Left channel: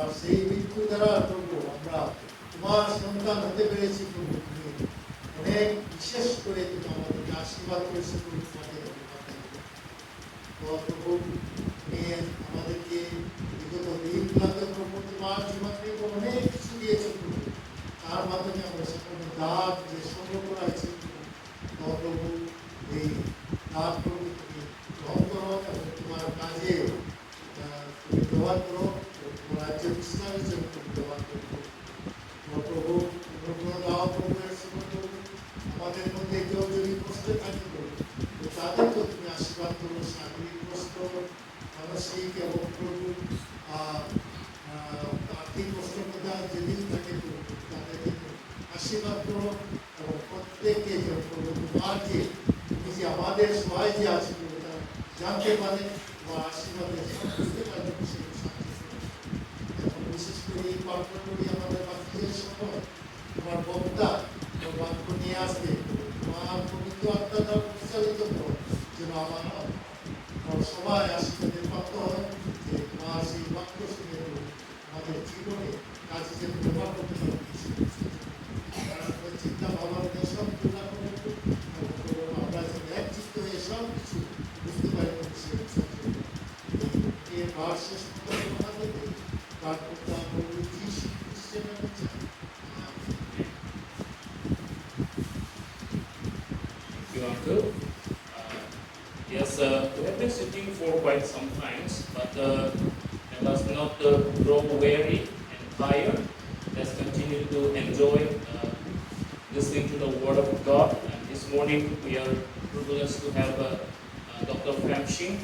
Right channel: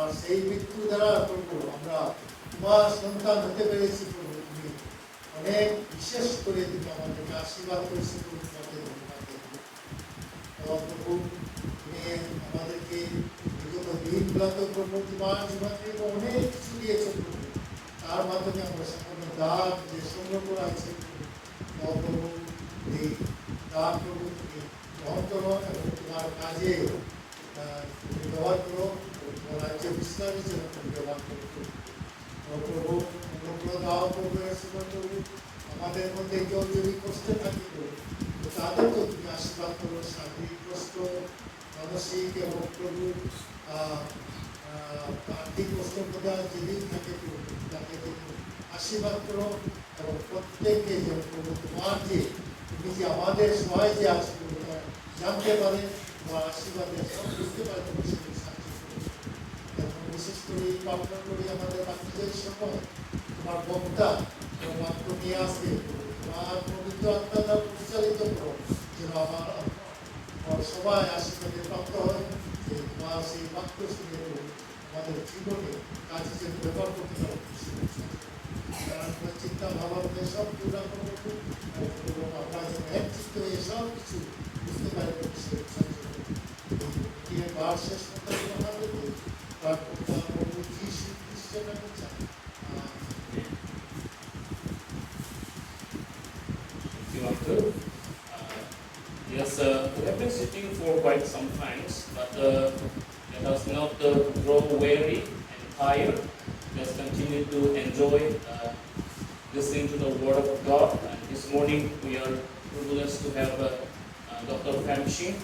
আর সেই মৃত্যু দ্বারা প্রভু আমরা তোমার সন্তান হতে পেরেছি প্রভু। তুমি অনেক বিশেষ করে তুমি আমাদেরকে আশীর্বাদ করেছো প্রভু, তাকে ধন্যবাদ দেব। প্রভু তুমি আমাদেরকে বিগত দিনগুলোতে প্রভু তোমার জীবন থেকে অনেক কিছু দিয়েছো প্রভু, তার মাধ্যমে আমরা সকল দান যে সংগ্রহ করা হয়েছে প্রভু, এই দান প্রভু তুমি গ্রহণ করো এবং তোমার কাজে তুমি ব্যবহার করো, তোমার রাজ্য বিস্তারের জন্য তুমি ব্যবহার করো প্রভু। অনুগ্রহ দাও প্রভু, প্রভু আমাদের মধ্যে কেউ যদি কষ্টে থাকে প্রভু, তাদেরকেও তুমি আশীর্বাদ করো, শারীরিক কষ্ট, মানসিক এবং প্রভু আর্থিক কষ্টের কথা যেদিন থাকে প্রভু, তাদেরকে আশীর্বাদ করো এবং প্রত্যেককে যেন প্রভু তোমার যে তুমি যে আমাদের সবাই যে আছে প্রভু তারা জানতে পারে তোমার আশীর্বাদে বুঝতে পারে প্রভু, সেগুলো সাহায্য করো। এখন বিশেষ করে এই প্রার্থনা করি আমাদের বাচ্চাদের সময় তোমার বক্তা তোমার বাক্য নিয়ে আসবে, তোমার পবিত্র আত্মা দ্বারা পরিচালিত করো, যেন আমার সবাই আশীর্বাদে প্রাপ্ত হয়, যে তোমার সেই বাক্য শুনে আমাদের জীবনে কাজে যেন ব্যবহার করতে পারো। চিন্তা ভাবনা সব পূর্ণ করবো এবং আমরা যেন এক চিত্ত হয়ে সব কিছু বুঝতে পারি শেষ Yes, we have been sitting for quite some times, but let us not grow weary and tired. Let's continue to enjoy listening to the Word of God. And this morning we are privileged to have Dr. Famshing.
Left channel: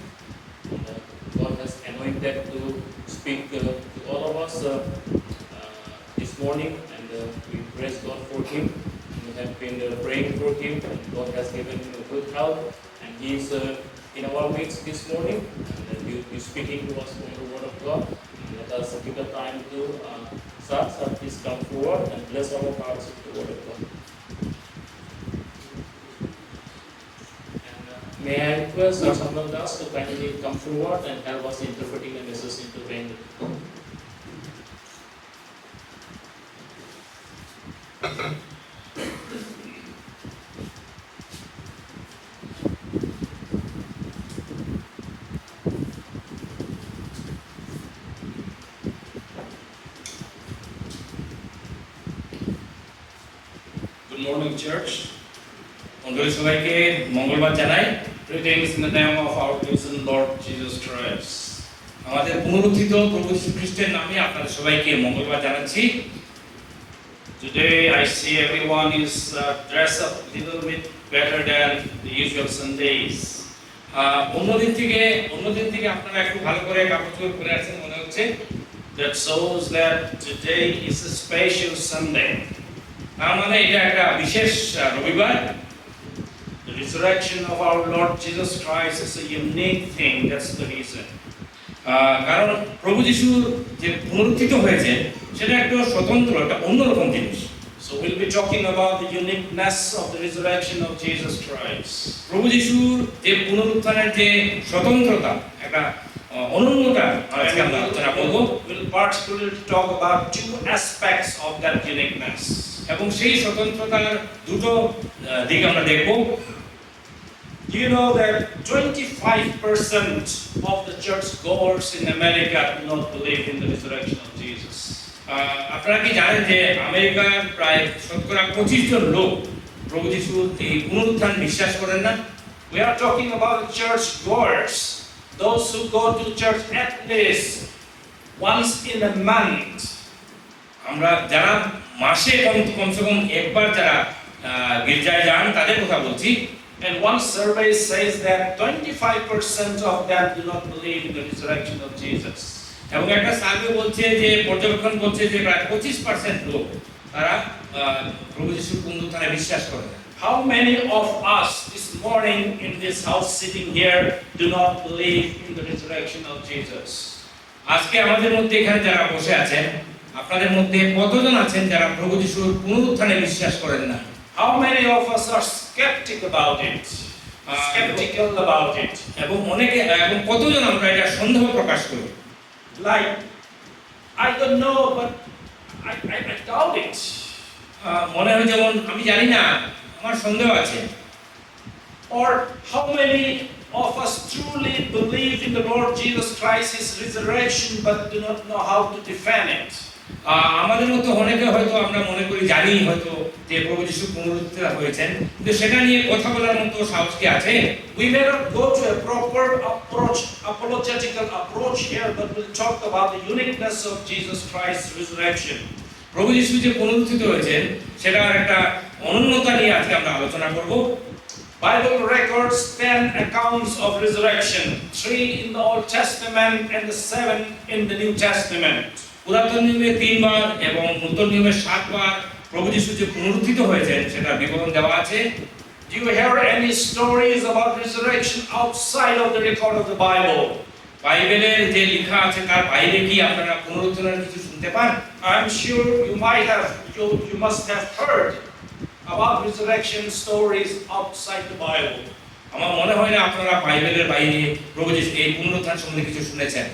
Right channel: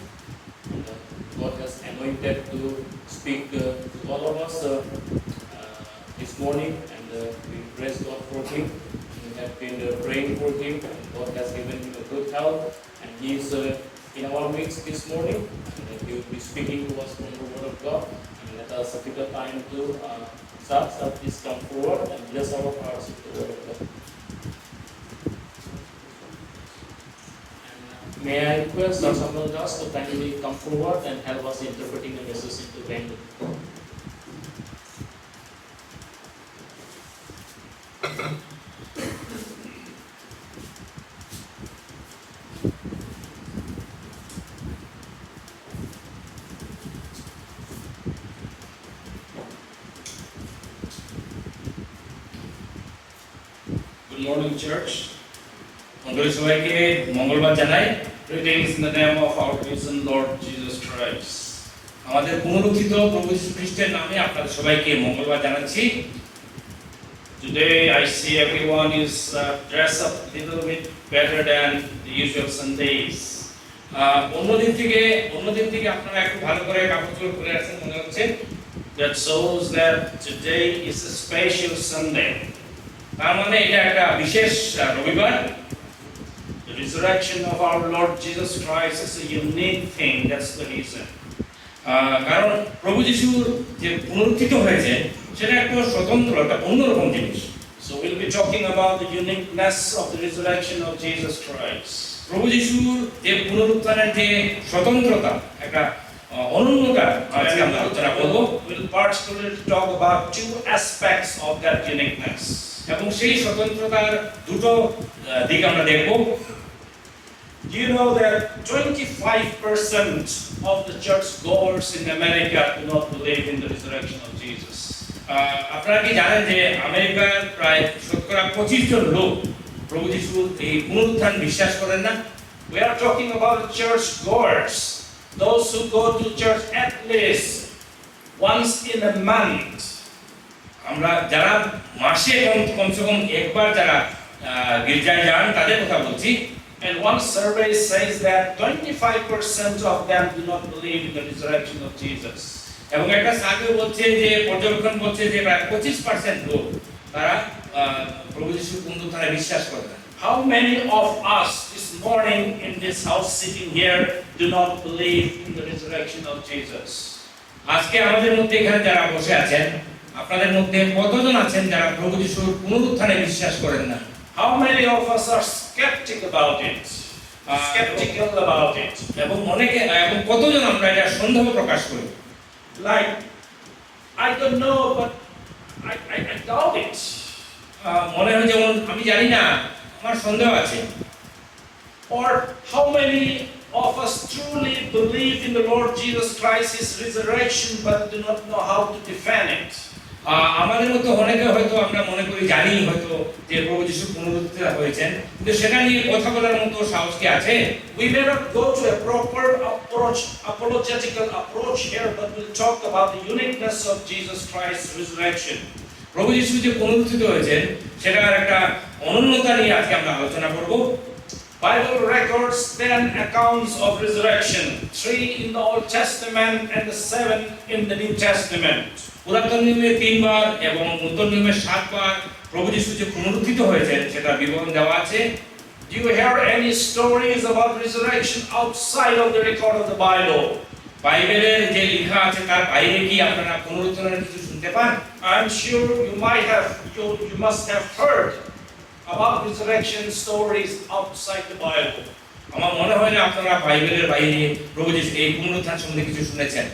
God has anointed to speak to all of us this morning, and we praise God for him. We have been praying for him, and God has given him a good health, and he is in our midst this morning, and he will be speaking to us from the Word of God. And let us give the time to Sir, please come forward and bless our hearts with the Word of God. May I request Sir Samuel Das to kindly come forward and help us interpreting the message into Bengali. Good morning, church. সবাইকে মঙ্গলবার জানাই। Greetings in the name of our risen Lord Jesus Christ. আমাদের পুনরুত্থিত প্রভু যীশু খ্রিস্টের নামে আপনাদের সবাইকে মঙ্গলবার জানাচ্ছি। Today I see everyone is dressed up a little bit better than the usual Sundays. অন্যদিন থেকে আপনারা একটু ভালো করে কাপড় পরে আছেন মনে হচ্ছে। That shows that today is a special Sunday. তার মানে এটা একটা বিশেষ রবিবার। The resurrection of our Lord Jesus Christ is a unique thing. That's the reason. কারণ প্রভু যীশু যে পুনরুত্থিত হয়েছে সেটা একটা স্বতন্ত্র, একটা অন্যরকম জিনিস। So we'll be talking about the uniqueness of the resurrection of Jesus Christ. প্রভু যীশুর যে পুনরুত্থানের যে স্বতন্ত্রতা, একটা অনন্যতা আজকে আমরা আলোচনা করব। We'll particularly talk about two aspects of that uniqueness. এবং সেই স্বতন্ত্রতার দুটো দিক আমরা দেখব। Do you know that 25% of the churchgoers in America do not believe in the resurrection of Jesus? আপনারা কি জানেন যে আমেরিকার প্রায় 25% লোক প্রভু যীশুর এই পুনরুত্থান বিশ্বাস করেন না? We are talking about the churchgoers, those who go to church at least once in a month. আমরা যারা মাসে কমসে কম একবার যারা গির্জায় যান তাদের কথা বলছি। And one survey says that 25% of them do not believe in the resurrection of Jesus. এবং একটা সার্ভে বলছে যে পর্যবেক্ষণ করছে যে প্রায় 25% লোক তারা প্রভু যীশুর পুনরুত্থানে বিশ্বাস করে না। How many of us this morning in this house sitting here do not believe in the resurrection of Jesus? আজকে আমাদের মধ্যে এখানে যারা বসে আছেন আপনাদের মধ্যে কতজন আছেন যারা প্রভু যীশুর পুনরুত্থানে বিশ্বাস করেন না? How many of us are skeptical about it? এবং অনেকে এবং কতজন আমরা এটা সন্দেহ প্রকাশ করি? Like I don't know, but I doubt it. মনে হয় যেমন আমি জানি না, আমার সন্দেহ আছে। Or how many of us truly believe in the Lord Jesus Christ, His resurrection, but do not know how to defend it? আমাদের মধ্যে অনেকে হয়তো আমরা মনে করি জানি হয়তো যে প্রভু যিশু পুনরুত্থিত হয়েছেন, কিন্তু সেটা নিয়ে কথা বলার মতো সাহস কি আছে? We may not go to a proper approach, apologetical approach here, but we'll talk about the uniqueness of Jesus Christ's resurrection. প্রভু যিশু যে পুনরুত্থিত হয়েছেন সেটার একটা অনন্যতা নিয়ে আজকে আমরা আলোচনা করব। Bible records 10 accounts of resurrection, 3 in the Old Testament and the 7 in the New Testament. পুরাতন নিয়মে 3 বার এবং নতুন নিয়মে 7 বার প্রভু যিশু যে পুনরুত্থিত হয়েছেন সেটা বিবরণ দেওয়া আছে। Do you hear any stories about resurrection outside of the record of the Bible? বাইবেলে যে লেখা আছে তার বাইরে কি আপনারা পুনরুত্থানের কিছু শুনতে পান? I'm sure you must have heard about resurrection stories outside the Bible. আমার মনে হয় না আপনারা বাইবেলের বাইরে প্রভু যিশু এই পুনরুত্থান সম্বন্ধে কিছু শুনেছেন।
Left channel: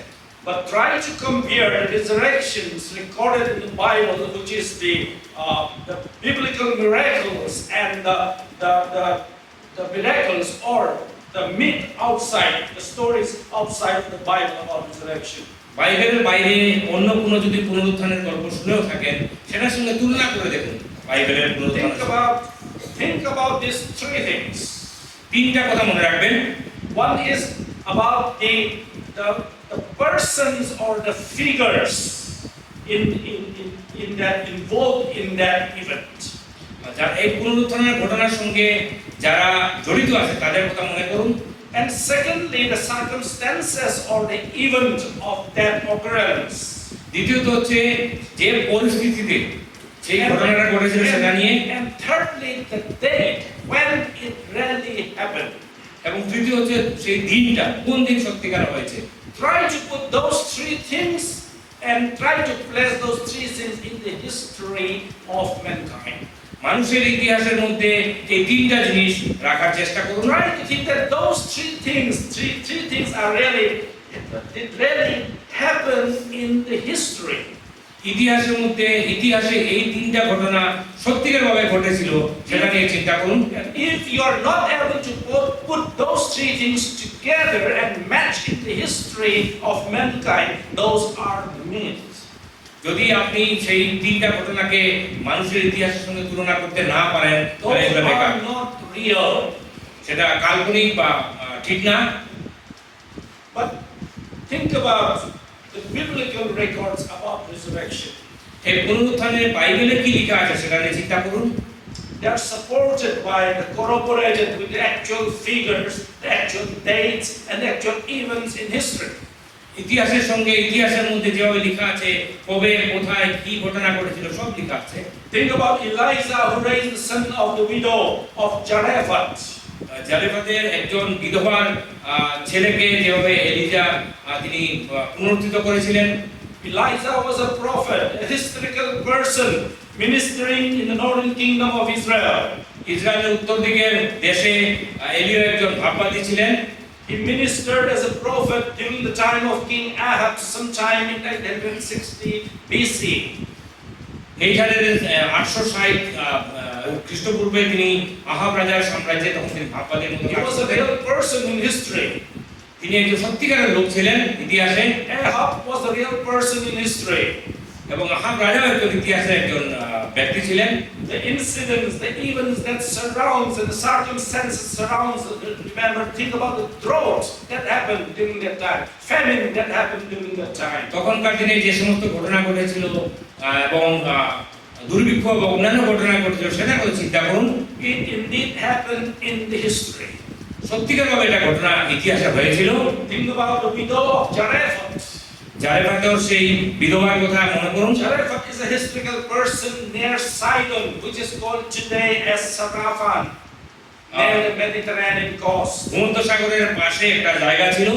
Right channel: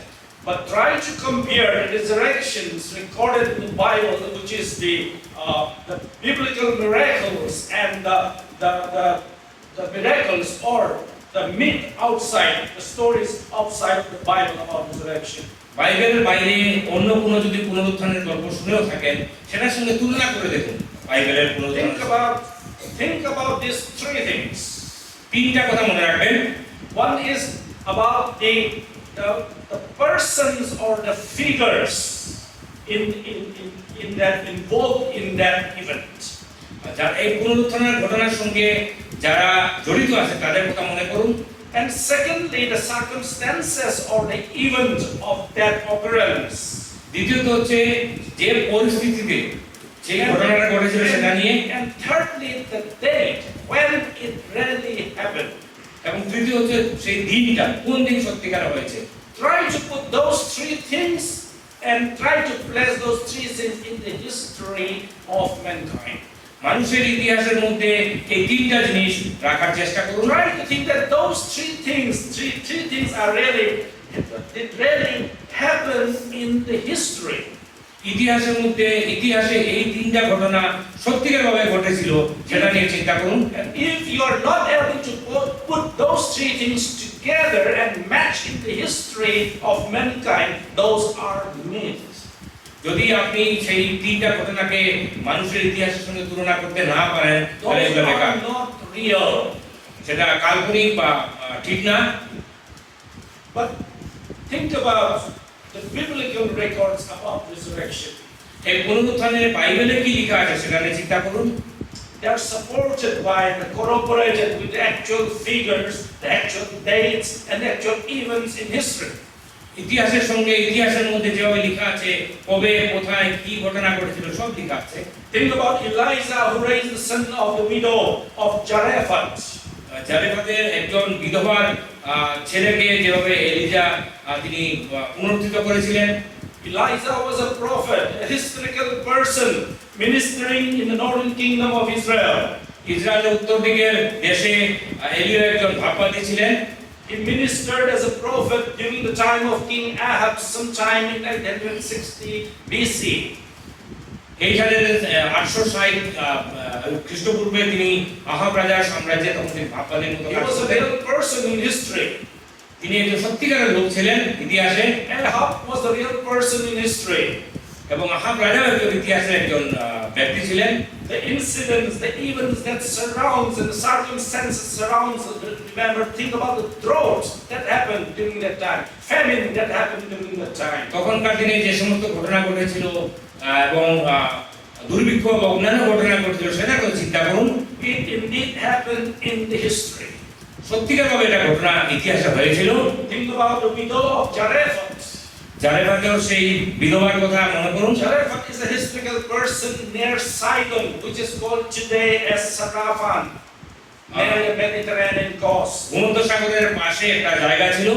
But try to compare the resurrections recorded in the Bible, which is the biblical miracles, and the miracles or the myth outside, the stories outside of the Bible about resurrection. বাইবেলের বাইরে অন্য কোনো যদি পুনরুত্থানের গল্প শুনেও থাকেন সেটার সঙ্গে তুলনা করে দেখুন বাইবেলের পুনরুত্থান। Think about these 3 things. 3টা কথা মনে রাখবেন। One is about the persons or the figures in that involved in that event. আচ্ছা, এই পুনরুত্থানের ঘটনার সঙ্গে যারা জড়িত আছে তাদের কথা মনে করুন। And secondly, the circumstances or the event of that occurrence. দ্বিতীয়ত হচ্ছে যে পরিস্থিতিতে সেই ঘটনাটা ঘটেছিল সেটা নিয়ে। And thirdly, the date when it really happened. এবং তৃতীয় হচ্ছে সেই দিনটা কোন দিন সত্যিকার হয়েছে। Try to put those 3 things and try to place those 3 things in the history of mankind. মানুষের ইতিহাসের মধ্যে এই 3টা জিনিস রাখার চেষ্টা করুন। Try to think that those 3 things are really happen in the history. ইতিহাসের মধ্যে ইতিহাসে এই 3টা ঘটনা সত্যিকার ভাবে ঘটেছিল সেটা নিয়ে চিন্তা করুন। If you are not able to put those 3 things together and match in the history of mankind, those are myths. যদি আপনি সেই 3টা ঘটনাকে মানুষের ইতিহাসের সঙ্গে তুলনা করতে না পারেন তাহলে এটা বেকার। Not real. সেটা কাল্পনিক বা ঠিক না। But think about the biblical records about resurrection. এই পুনরুত্থানের বাইবেলে কি লেখা আছে সেটা নিয়ে চিন্তা করুন। They are supported by and corroborated with the actual figures, the actual dates, and the actual events in history. ইতিহাসের সঙ্গে ইতিহাসের মধ্যে যেভাবে লেখা আছে কবে কোথায় কি ঘটনা ঘটেছিল সব লেখা আছে। Think about Elijah who raised the son of the widow of Zarephath. জারেফাতের একজন বিধবার ছেলেকে যেভাবে এলিজা তিনি পুনরুত্থিত করেছিলেন। Elijah was a prophet, a historical person ministering in the northern kingdom of Israel. ইসরায়েলের উত্তর দিকের দেশে এলিয়া একজন ভাববাদী ছিলেন। He ministered as a prophet during the time of King Ahab, sometime in 860 BC. এই সালের 860 খ্রিস্টপূর্বে তিনি আহাব রাজার সাম্রাজ্যে তখন তিনি ভাববাদীর মতো কাজ করতেন। He was a real person in history. তিনি একজন সত্যিকারের লোক ছিলেন ইতিহাসে। Ahab was a real person in history. এবং আহাব রাজা একজন ইতিহাসের একজন ব্যক্তি ছিলেন। The incidents, the events that surrounds and the circumstances surrounds, remember, think about the drought that happened during that time, famine that happened during that time. তখনকার দিনে যে সমস্ত ঘটনা ঘটেছিল এবং দুর্ভিক্ষ বা অন্যান্য ঘটনা ঘটেছিল সেটা তো চিন্তা করুন। It indeed happened in the history. সত্যিকারভাবে এটা ঘটনা ইতিহাসে হয়েছিল। Think about the widow of Zarephath. জারেফাতের সেই বিধবার কথা মনে করুন। Zarephath is a historical person near Sidon, which is called today as Sarafan, near the Mediterranean coast. ভূমধ্যসাগরের পাশে একটা জায়গা ছিল।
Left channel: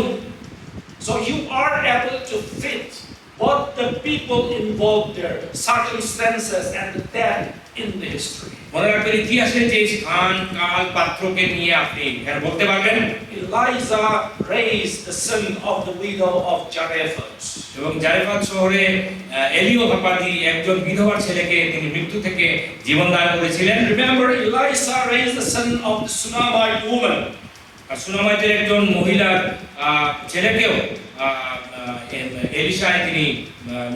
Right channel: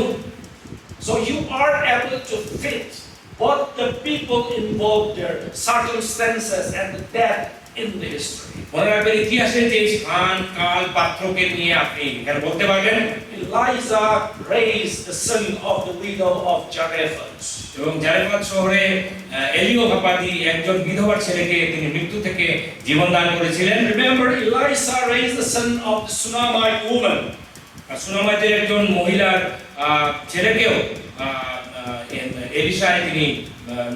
So you are able to fit both the people involved there, circumstances and the death in the history. মনে রাখবেন ইতিহাসে যে স্থান কাল পাত্রকে নিয়ে আপনি এখানে বলতে পারবেন Elijah raised the son of the widow of Zarephath. এবং জারেফাত শহরে এলিও ভাপাদি একজন বিধবার ছেলেকে তিনি মৃত্যু থেকে জীবন দান করেছিলেন। Remember, Elisha raised the son of the Shunammite woman. আর সুনামাইতের একজন মহিলার ছেলেকেও এলিশা তিনি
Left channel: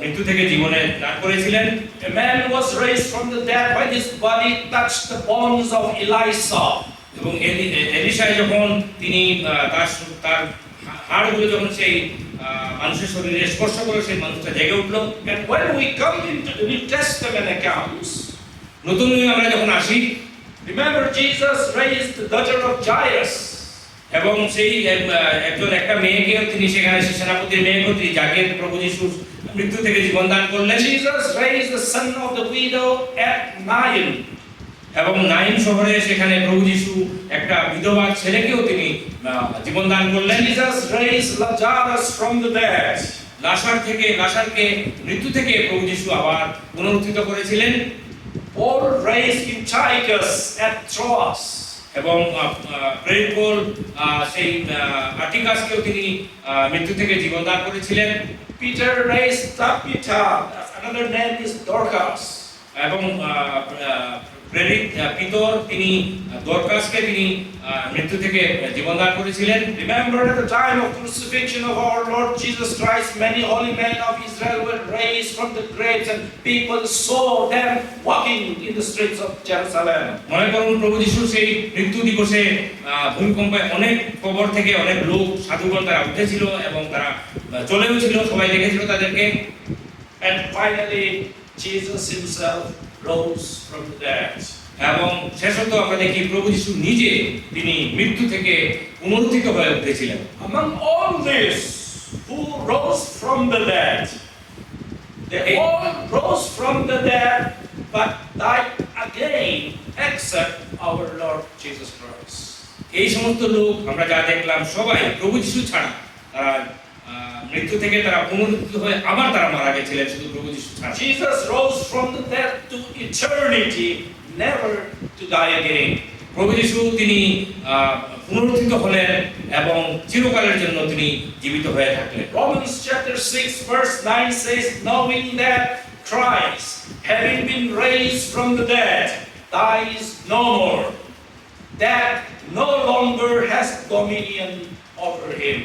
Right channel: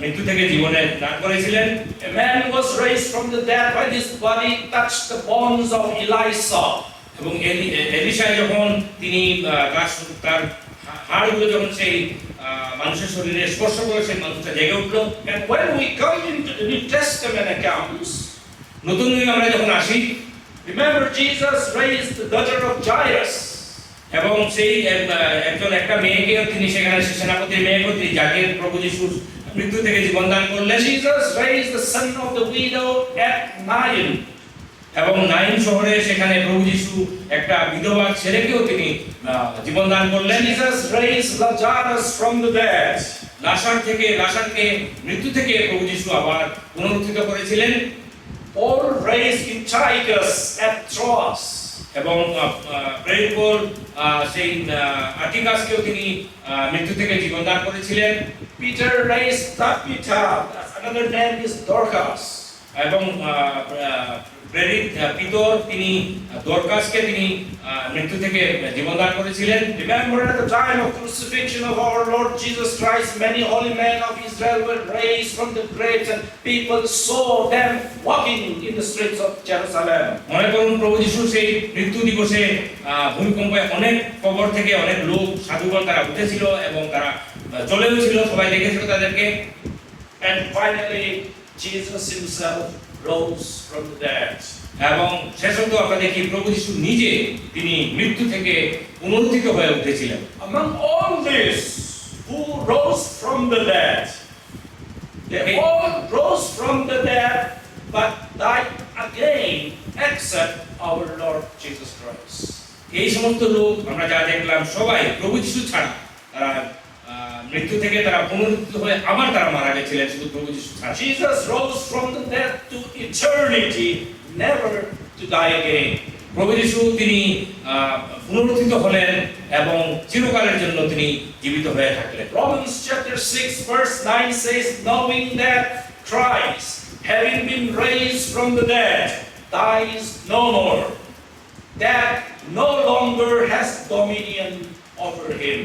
মৃত্যু থেকে জীবনে দান করেছিলেন। A man was raised from the dead when his body touched the bones of Elisha. এবং এলিশা যখন তিনি তার হাড়গুলো যখন সেই মানুষের শরীরে স্পর্শ করে সেই মানুষটা জেগে উঠলো। And when we come into the New Testament accounts, নতুন নিয়মে আমরা যখন আসি, remember Jesus raised the daughter of Jairus. এবং সেই একজন একটা মেয়েকে তিনি সেখানে সেনাপতির মেয়েকে তিনি যাকে প্রভু যিশু মৃত্যু থেকে জীবন দান করলেন। Jesus raised the son of the widow at Nain. এবং নাইন শহরে সেখানে প্রভু যিশু একটা বিধবা ছেলেকেও তিনি জীবন দান করলেন। Jesus raised Lazarus from the dead. লাসারকে মৃত্যু থেকে প্রভু যিশু আবার পুনরুত্থিত করেছিলেন। Paul raised Tychicus at Troas. এবং প্রেরিত পৌল সেই আটিকাসকেও তিনি মৃত্যু থেকে জীবন দান করেছিলেন। Peter raised Tabitha. Another name is Dorcas. এবং প্রেরিত পিতর তিনি দরকাসকে তিনি মৃত্যু থেকে জীবন দান করেছিলেন। Remember, at the time of crucifixion of our Lord Jesus Christ, many holy men of Israel were raised from the graves, and people saw them walking in the streets of Jerusalem. মনে করুন প্রভু যিশু সেই মৃত্যু দিবসে ভূমিকম্পে অনেক কবর থেকে অনেক লোক সাধুগণ তারা উঠেছিল এবং তারা চলেও ছিল, সবাই দেখেছিল তাদেরকে। And finally, Jesus himself rose from the dead. এবং শেষত আমরা দেখি প্রভু যিশু নিজে তিনি মৃত্যু থেকে পুনরুত্থিত হয়ে উঠেছিলেন। Among all this, who rose from the dead? They all rose from the dead, but died again, except our Lord Jesus Christ. এই সমস্ত লোক আমরা যা দেখলাম সবাই প্রভু যিশু ছাড়া তারা মৃত্যু থেকে তারা পুনরুত্থিত হয়ে আবার তারা মারা গেছিলেন, শুধু প্রভু যিশু ছাড়া। Jesus rose from the dead to eternity, never to die again. প্রভু যিশু তিনি পুনরুত্থিত হলেন এবং চিরকালের জন্য তিনি জীবিত হয়ে থাকলেন। Romans chapter 6 verse 9 says, knowing that Christ, having been raised from the dead, dies no more, that no longer has dominion over him.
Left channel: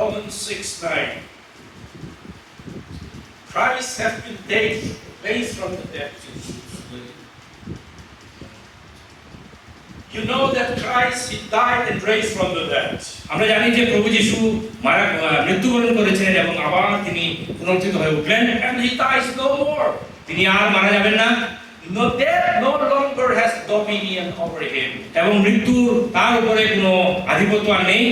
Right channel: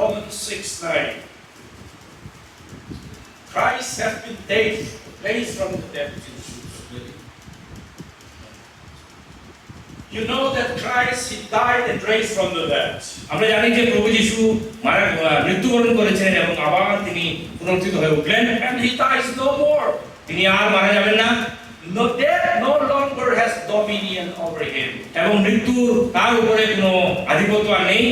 Romans 6:9. Christ has been raised from the dead. You know that Christ, he died and raised from the dead. আমরা জানি যে প্রভু যিশু মৃত্যুবরণ করেছিলেন এবং আবার তিনি পুনরুত্থিত হয়ে উঠলেন। And he dies no more. তিনি আর মারা যাবেন না। No, death no longer has dominion over him. এবং মৃত্যু তার উপরে কোনো আধিপত্য আর নেই।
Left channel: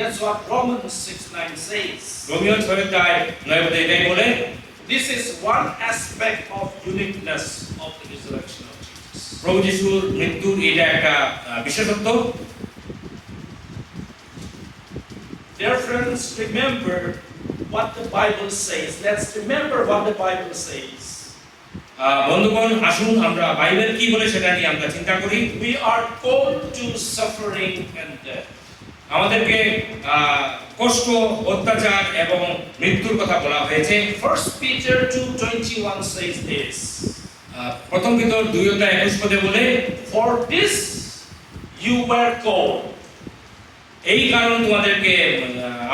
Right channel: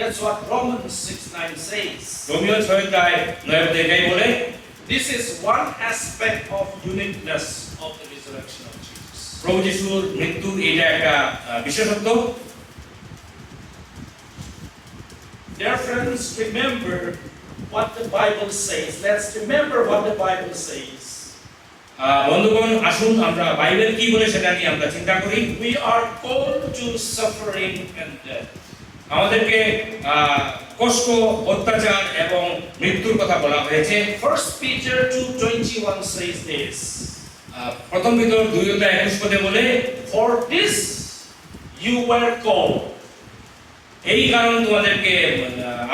That's what Romans 6:9 says. রোমীয় 6:9 এটাই বলে। This is one aspect of uniqueness of the resurrection of Jesus. প্রভু যিশুর মৃত্যু এটা একটা বিশেষত্ব। Dear friends, remember what the Bible says. Let's remember what the Bible says. বন্ধুগণ, আসুন আমরা বাইবেল কি বলে সেটা নিয়ে আমরা চিন্তা করি। We are called to suffering and death. আমাদেরকে কষ্ট, অত্যাচার এবং মৃত্যুর কথা বলা হয়েছে। 1 Peter 2:21 says this. প্রথম পেতর 2:21 বলে, For this you were called, এই কারণে তোমাদেরকে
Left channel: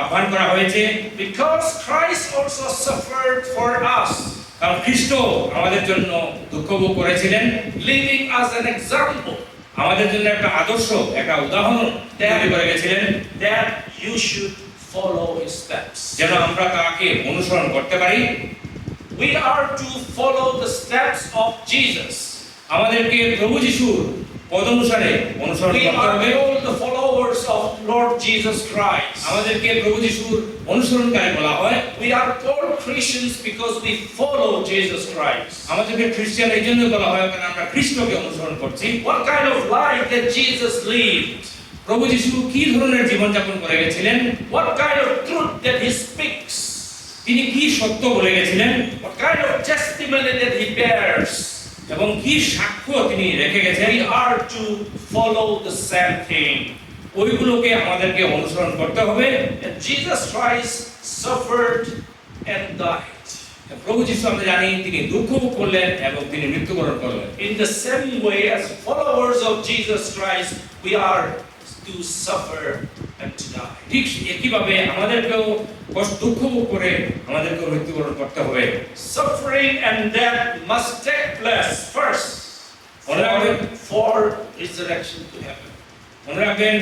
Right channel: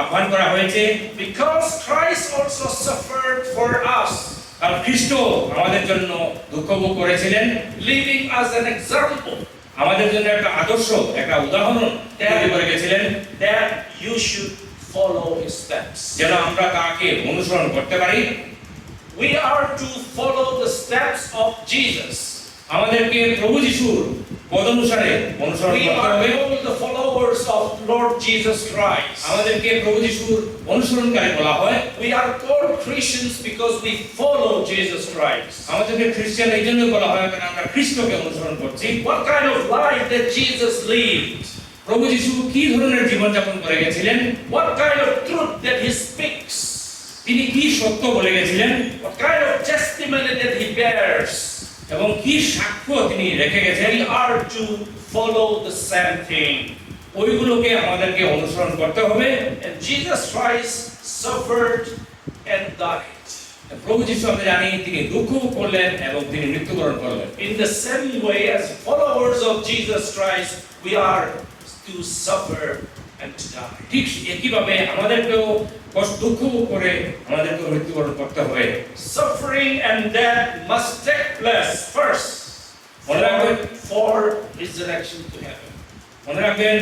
আহ্বান করা হয়েছে, because Christ also suffered for us, কারণ খ্রিস্ট আমাদের জন্য দুঃখ ভোগ করেছিলেন, living as an example, আমাদের জন্য একটা আদর্শ, একটা উদাহরণ তৈরি করে গেছিলেন, that you should follow his steps. যেন আমরা তাকে অনুসরণ করতে পারি। We are to follow the steps of Jesus. আমাদেরকে প্রভু যিশুর পদানুসারে অনুসরণ We করতে are হবে। called the followers of Lord Jesus Christ. আমাদেরকে প্রভু যিশুর অনুসরণকারী বলা হয়। We are called Christians because we follow Jesus Christ. আমাদেরকে খ্রিস্টান এই জন্য বলা হয় কারণ আমরা খ্রিস্টকে অনুসরণ করছি। What kind of life that Jesus lived? প্রভু যিশু কি ধরনের জীবনযাপন করে গেছিলেন, What kind of truth that he speaks? তিনি কি সত্য বলে গেছিলেন what kind of testimony that he bears. এবং কি সাক্ষ্য তিনি রেখে গেছেন, We are to follow the same thing. ওইগুলোকে আমাদেরকে অনুসরণ করতে হবে। And Jesus Christ suffered and died. প্রভু যিশু আমরা জানি তিনি দুঃখ ভোগ করলেন এবং তিনি মৃত্যুবরণ করলেন। In the same way, as followers of Jesus Christ, we are to suffer and to die. ঠিক একইভাবে আমাদেরকেও কষ্ট দুঃখ ভোগ করে আমাদেরকেও মৃত্যুবরণ করতে হবে। Suffering and death must take place first for resurrection to happen. মনে রাখবেন,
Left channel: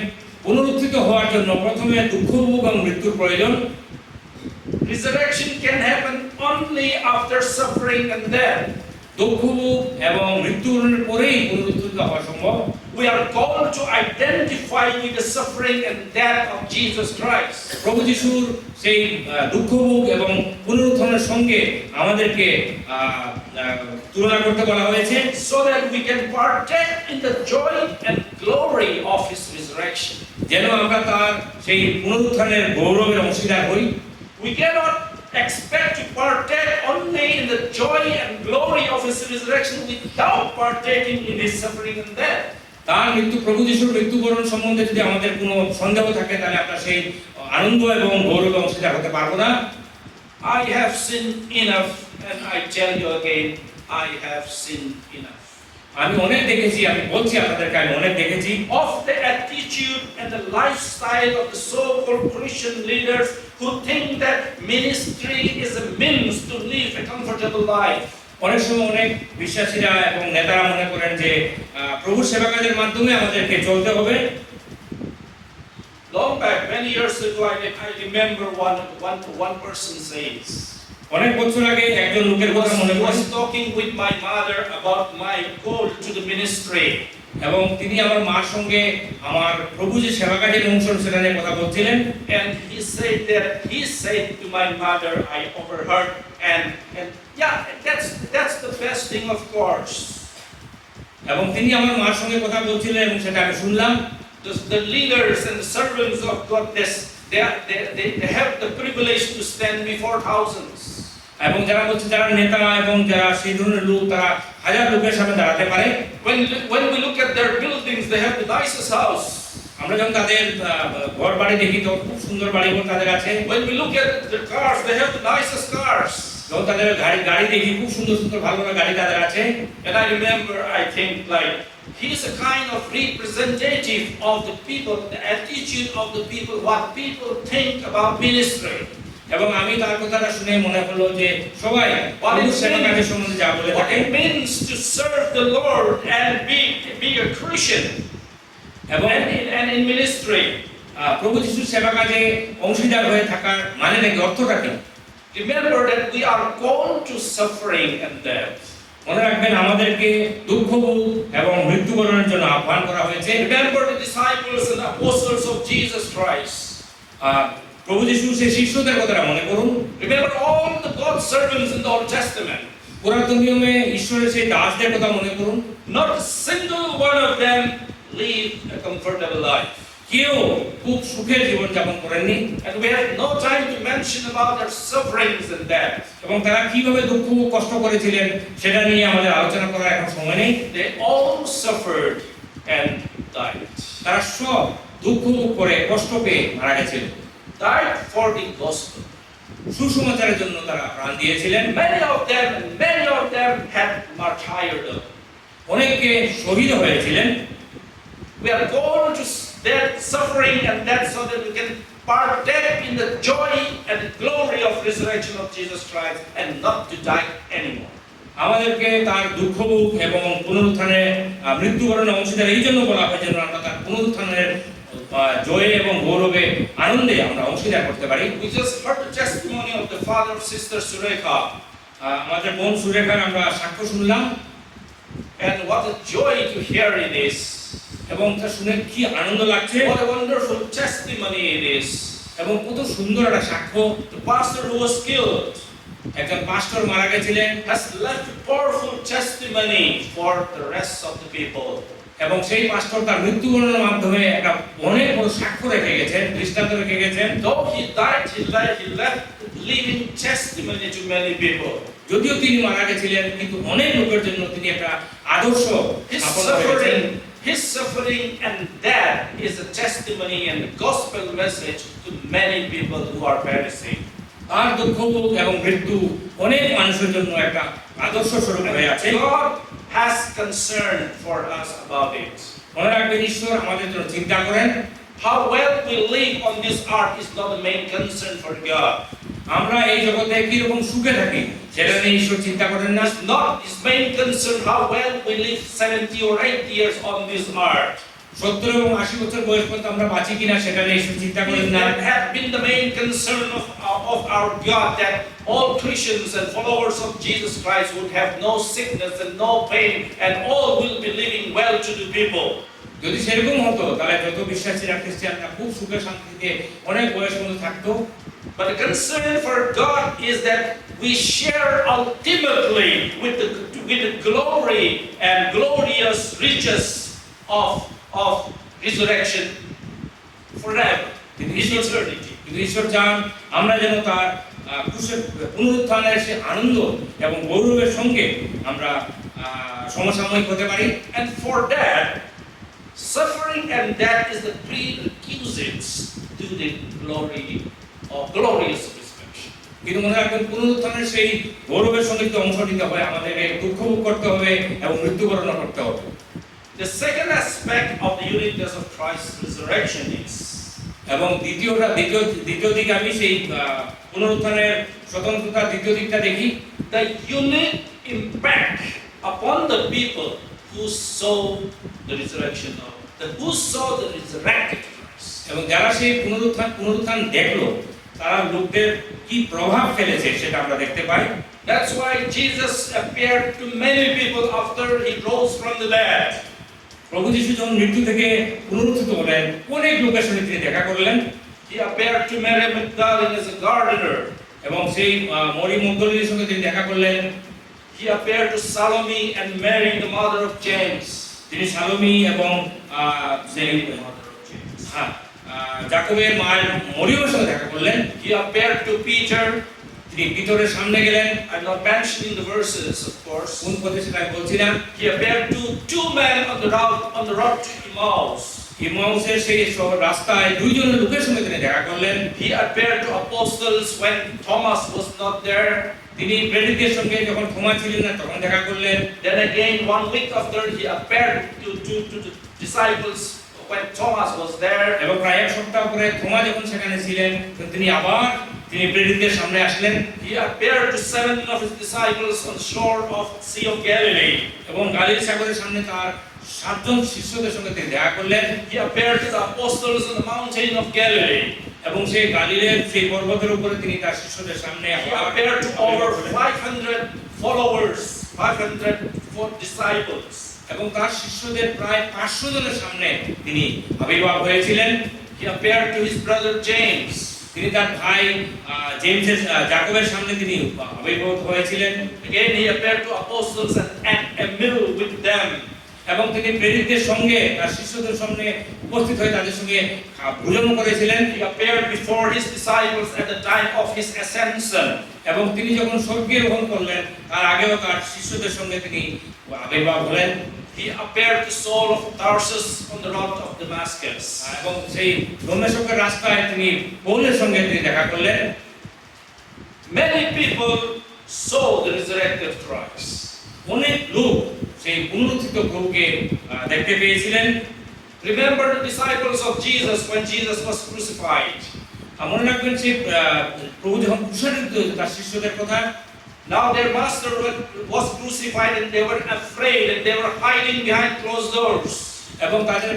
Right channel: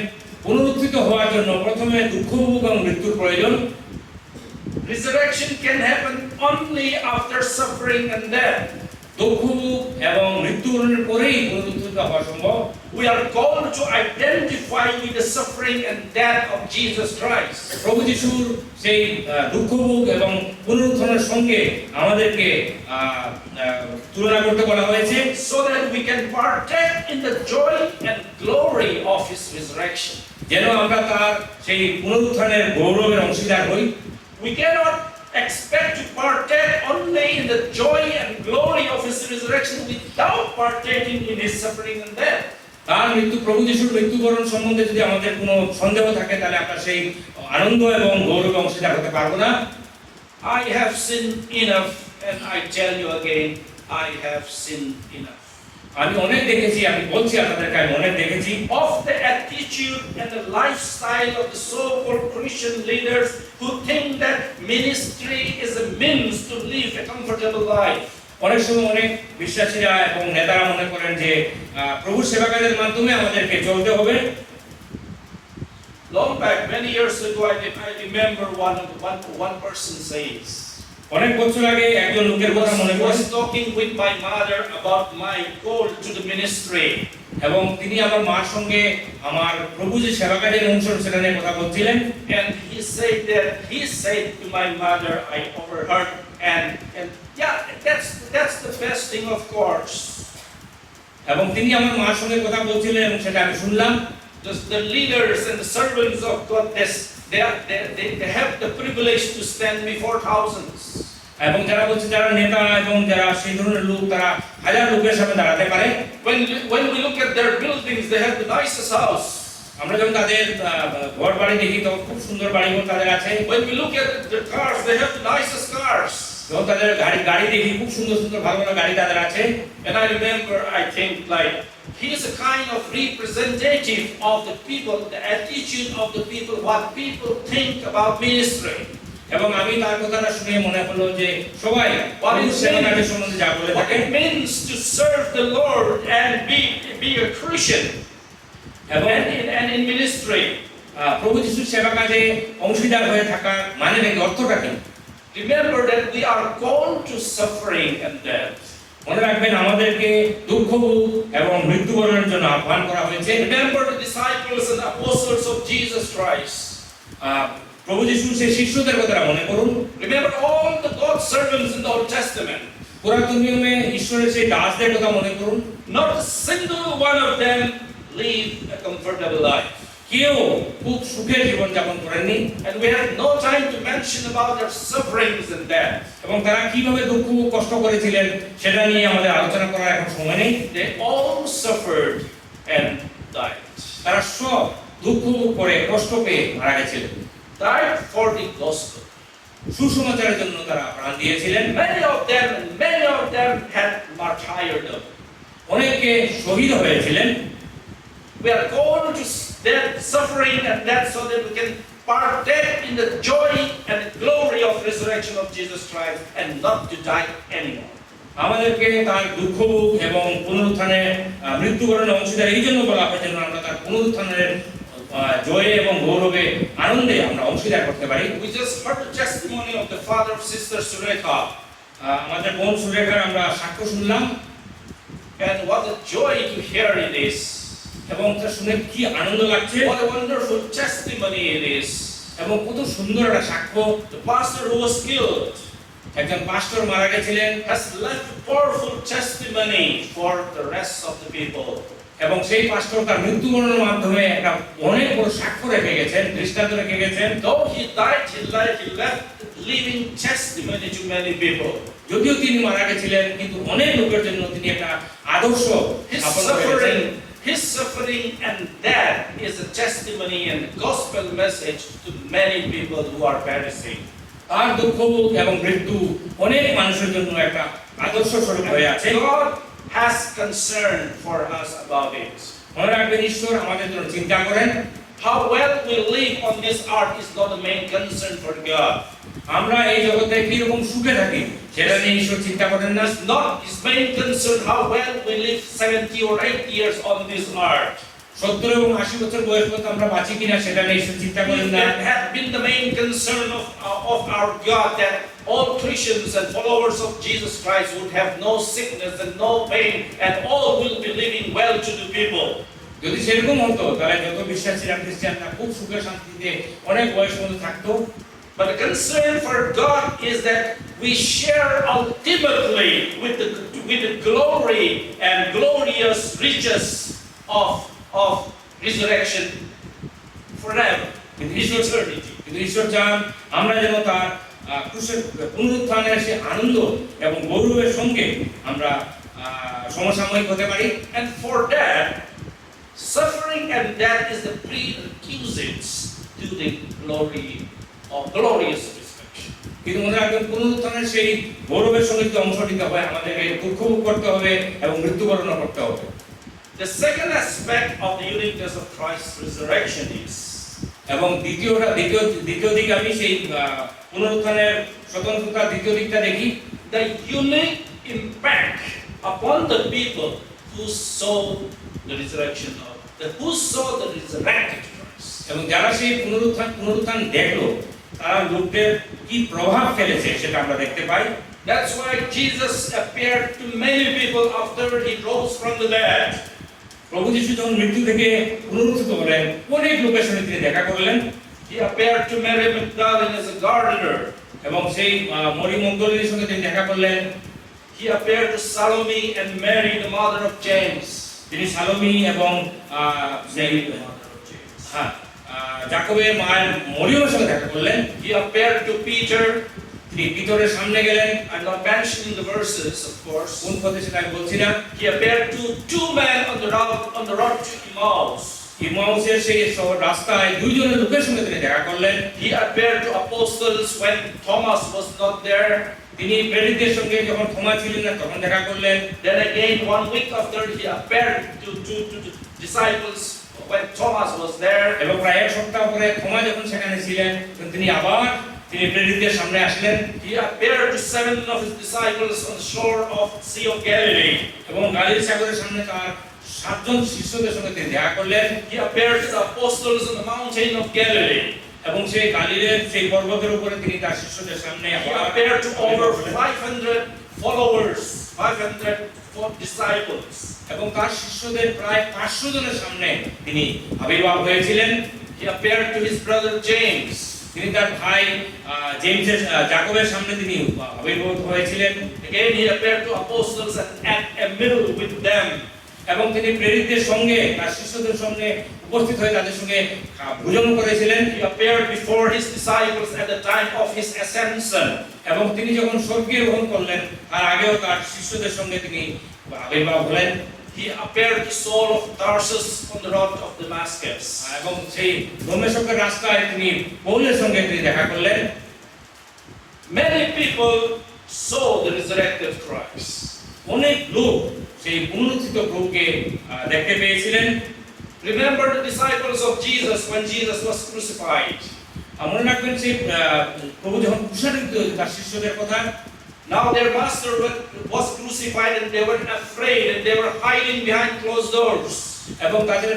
পুনরুত্থিত হওয়ার জন্য প্রথমে দুঃখ ভোগ এবং মৃত্যুর প্রয়োজন। Resurrection can happen only after suffering and death. দুঃখ ভোগ এবং মৃত্যুবরণের পরেই পুনরুত্থিত হওয়া সম্ভব। We are called to identify with the suffering and death of Jesus Christ, প্রভু যিশুর সেই দুঃখ ভোগ এবং পুনরুত্থানের সঙ্গে আমাদেরকে তুলনা করতে বলা হয়েছে, so that we can partake in the joy and glory of His resurrection. যেন আমরা তার সেই পুনরুত্থানের গৌরবের অংশীদার হই। We cannot expect to partake only in the joy and glory of His resurrection without partaking in His suffering and death. তার প্রভু যিশুর মৃত্যুবরণ সম্বন্ধে যদি আমাদের কোনো সন্দেহ থাকে, তাহলে আমরা সেই আনন্দ এবং গৌরবে অংশীদার হতে পারবো না। I have sinned enough, and I tell you again, I have sinned enough. আমি অনেক দেখেছি, আমি বলছি আপনাদেরকে, আমি অনেক দেখেছি Of the attitude and the lifestyle of the so-called Christian leaders who think that ministry is a means to live a comfortable life. অনেক সময় অনেক বিশ্বাসীরা এবং নেতারা মনে করেন যে প্রভুর সেবা কাজের মাধ্যমে আমাদেরকে চলতে হবে। Long back, many years ago, I remember one person says, অনেক বছর আগে একজন লোকের কথা মনে I পড়ে, was talking with my mother about my call to the ministry. এবং তিনি আমার মার সঙ্গে আমার প্রভু যে সেবা কাজের অনুসরণ সেটা নিয়ে কথা বলছিলেন। And he said to my mother, I overheard, and yeah, that's the best thing, of course. এবং তিনি আমার মার সঙ্গে কথা বলছিলেন এবং সেটা আমি শুনলাম। The leaders and the servants of God, they have the privilege to stand before thousands. এবং যারা বলছে, যারা নেতা এবং যারা সেই ধরনের লোক, তারা হাজার লোকের সামনে দাঁড়াতে পারে। When we look at their buildings, they have the nicest house. আমরা যখন তাদের ঘর বাড়ি দেখি, তো খুব সুন্দর বাড়িঘর তাদের আছে। When we look at their cars, they have the nicest cars. যখন তাদের গাড়ি দেখি, খুব সুন্দর সুন্দর ভালো ভালো গাড়ি তাদের আছে। And I remember, I think, like, he's a kind of representative of the people, the attitude of the people, what people think about ministry. এবং আমি তার কথাটা শুনে মনে হলো যে সবাই প্রভুর সেবা কাজের সম্বন্ধে যা বলে What থাকে, it means to serve the Lord and be a Christian এবং and in ministry. প্রভু যিশুর সেবা কাজে অংশীদার হয়ে থাকা মানে নাকি অর্থটা কি? Remember that we are called to suffering and death. মনে রাখবেন, আমাদেরকে দুঃখ ভোগ এবং মৃত্যুবরণের জন্য আহ্বান করা হয়েছে। Remember the disciples and apostles of Jesus Christ. প্রভু যিশুর সেই শিষ্যদের কথাটা মনে করুন। Remember all the God's servants in the Old Testament. পুরাতন নিয়মে ঈশ্বরের সেই দাসদের কথা মনে করুন। Not a single one of them lived a comfortable life. কেউ খুব সুখের জীবন যাপন করেননি, And we have no time to mention about their sufferings and death. এবং তারা কিভাবে দুঃখ ভোগ কষ্ট করেছিলেন সেটা নিয়ে আমাদের আলোচনা করার এখন সময় নেই। They all suffered and died. তারা সব দুঃখ ভোগ করে কষ্ট পেয়ে মারা গেছিলেন। Died for the gospel. সুসমাচারের জন্য তারা প্রাণ দিয়েছিলেন। Many of them had martyrdom. অনেকে শহীদ হয়েছিলেন। We are called to their suffering and death so that we can partake in the joy and the glory of resurrection of Jesus Christ and not to die anymore. আমাদেরকে তার দুঃখ ভোগ এবং পুনরুত্থানের মৃত্যুবরণের অংশীদার এই জন্য বলা হয় যেন আমরা তার পুনরুত্থানের জয়ে এবং গৌরবে আনন্দে আমরা অংশীদার করতে পারি। We just heard the testimony of the father of Sister Surekha, আমাদের বোন সুরেখার আমরা সাক্ষ্য শুনলাম, and what a joy to hear it is. এবং তা শুনে কি আনন্দ লাগছে, What a wonderful testimony it is. এবং কত সুন্দর একটা সাক্ষ্য। The pastor who was killed একজন পাস্টর মারা গেছিলেন has left a powerful testimony for the rest of the people. এবং সেই পাস্টর তার মৃত্যুবরণের মাধ্যমে একটা অনেক বড় সাক্ষ্য রেখে গেছেন, দৃষ্টান্ত রেখে গেছেন। Though he died, he left the living testimony to many people. যদিও তিনি মারা গেছিলেন, কিন্তু অনেক লোকের জন্য তিনি একটা আদর্শ His স্থাপন করেছেন। suffering and death is a testimony and gospel message to many people who are perishing. তার দুঃখ এবং মৃত্যু অনেক মানুষের জন্য একটা আদর্শ স্বরূপ হয়ে আছে। God has concern for us about it. মনে রাখবেন, ঈশ্বর আমাদের জন্য চিন্তা করেন। How well we live on this earth is not the main concern for God. আমরা এই জগতে কিরকম সুখে থাকি সেটা নিয়ে ঈশ্বর চিন্তা করেন না। It's not his main concern how well we live 70 or 80 years on this earth. 70 এবং 80 বছর বয়স পর্যন্ত আমরা বাঁচি কিনা সেটা নিয়ে ঈশ্বর চিন্তা করেন না। It had been the main concern of our God that all Christians and followers of Jesus Christ would have no sickness and no pain and all will be living well to the people. যদি সেরকম হতো তাহলে যত বিশ্বাসীরা খ্রিস্টানরা খুব সুখে শান্তিতে অনেক বয়স পর্যন্ত থাকতো। But the concern for God is that we share ultimately with the glory and glorious riches of resurrection forever in eternity. কিন্তু ঈশ্বর চান আমরা যেন তার পুনরুত্থানের সে আনন্দ এবং গৌরবের সঙ্গে আমরা সমসাময়িক হতে পারি। And for that, suffering and death is the prerequisites to the glory of glorious resurrection. কিন্তু মনে রাখবেন, পুনরুত্থানের সেই গৌরবের সঙ্গে যে অংশ নিতে হয়, আমাদেরকে দুঃখ ভোগ করতে হবে এবং মৃত্যুবরণ করতে হবে। The second aspect of the uniqueness of Christ's resurrection is এবং দ্বিতীয় দিকে আমি সেই পুনরুত্থানের স্বতন্ত্রতা দ্বিতীয় দিকটা দেখি, the unique impact upon the people who saw the resurrection of who saw the resurrected Christ. এবং যারা সেই পুনরুত্থান দেখলো তারা লোকদের কি প্রভাব ফেলেছে সেটা আমরা দেখতে পাই। That's why Jesus appeared to many people after he rose from the dead. প্রভু যিশু যখন মৃত্যু থেকে পুনরুত্থিত হলেন, অনেক লোকের সঙ্গে তিনি দেখা করলেন। He appeared to Mary Magdalene as a gardener. এবং সেই মরিয়ম মগদলিনীর সঙ্গে তিনি দেখা করলেন। He appeared to Salome and Mary, the mother of James. তিনি সালোমি এবং সেই যাকবের মায়ের মরিয়মের সঙ্গে দেখা করলেন। He appeared to Peter. তিনি পিতরের সামনে গেলেন। I'm not mentioning the verses, of course. কোন পদে সেটা আমি বলছিলাম। He appeared to two men on the road to Emmaus. ইম্মাউসের সেই রাস্তায় দুইজনের লোকের সঙ্গে তিনি দেখা করলেন। He appeared to apostles when Thomas was not there. তিনি প্রেরিতদের সঙ্গে যখন থোমা ছিলেন না তখন দেখা করলেন। Then again 1 week after he appeared to the disciples when Thomas was there. এবং প্রায় এক সপ্তাহ পরে থোমা যখন সেখানে ছিলেন তিনি প্রেরিতদের সামনে আসলেন। He appeared to 7 of his disciples on the shore of Sea of Galilee. এবং গালিল সাগরের সামনে তার 7 জন শিষ্যদের সঙ্গে তিনি দেখা করলেন। He appeared to the apostles on the mountain of Galilee. এবং সেই গালিলের সেই পর্বতের উপরে তিনি তার শিষ্যদের সামনে He appeared to over 500 followers, 500 disciples. এবং তার শিষ্যদের প্রায় 500 জনের সামনে তিনি আবির্ভাব হয়েছিলেন। He appeared to his brother James. তিনি তার ভাই যাকবের সামনে তিনি আবির্ভূত হয়েছিলেন। Again he appeared to apostles and at a meal with them. এবং তিনি প্রেরিতদের সঙ্গে তার শিষ্যদের সঙ্গে উপস্থিত হয়ে তাদের সঙ্গে ভোজন করেছিলেন। He appeared before his disciples at the time of his ascension. এবং তিনি যখন স্বর্গে আরোহণ করলেন তার আগেও তার শিষ্যদের সঙ্গে তিনি আবির্ভাব হলেন। He appeared to Saul of Tarsus on the road of Damascus. এবং সেই দমেস্কের রাস্তায় তিনি পৌলের সঙ্গে তিনি দেখা করলেন। Many people saw the resurrected Christ. অনেক লোক সেই পুনরুত্থিত প্রভুকে দেখতে পেয়েছিলেন। Remember the disciples of Jesus when Jesus was crucified. মনে রাখবেন সেই প্রভু যখন ক্রুশায়িত তার শিষ্যদের কথা। Now their master was crucified and they were afraid and they were hiding behind closed doors. এবং তাদের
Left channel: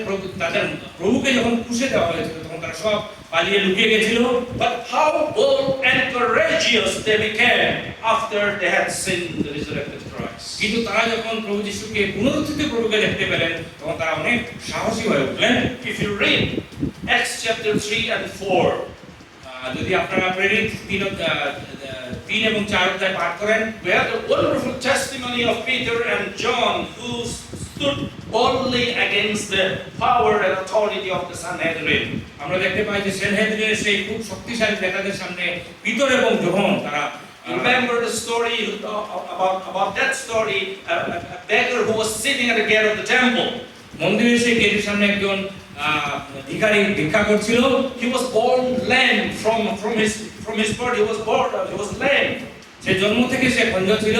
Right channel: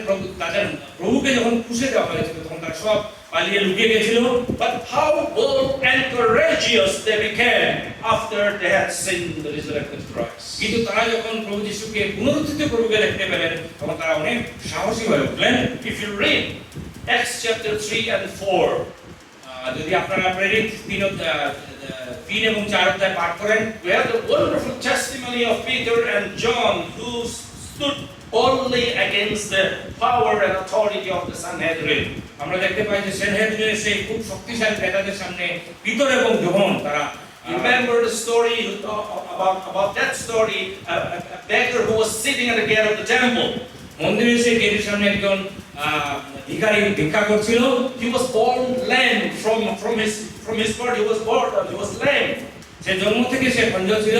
প্রভুকে যখন ক্রুশে দেওয়া হয়েছিল তখন তারা সব পালিয়ে লুকিয়ে গেছিল। But how bold and courageous they became after they had seen the resurrected Christ. কিন্তু তারা যখন প্রভু যিশুকে পুনরুত্থিত প্রভুকে দেখতে পেলেন তখন তারা অনেক সাহসী হয়ে উঠলেন। If you read Acts chapter 3 and 4, যদি আপনারা প্রেরিত 3 এবং 4 অধ্যায় পাঠ করেন, we have the wonderful testimony of Peter and John who stood boldly against the power and authority of the Sanhedrin. আমরা দেখতে পাই যে সেনহেদরিনের সেই খুব শক্তিশালী নেতাদের সামনে পিতর এবং যোহন তারা You remember the story about that story, a beggar who was sitting at the gate of the temple. মন্দিরের সেই গেটের সামনে একজন ভিখারি ভিক্ষা করছিল। He was born lame from his birth. He was lame. সে জন্ম থেকে সে খঞ্জ ছিল।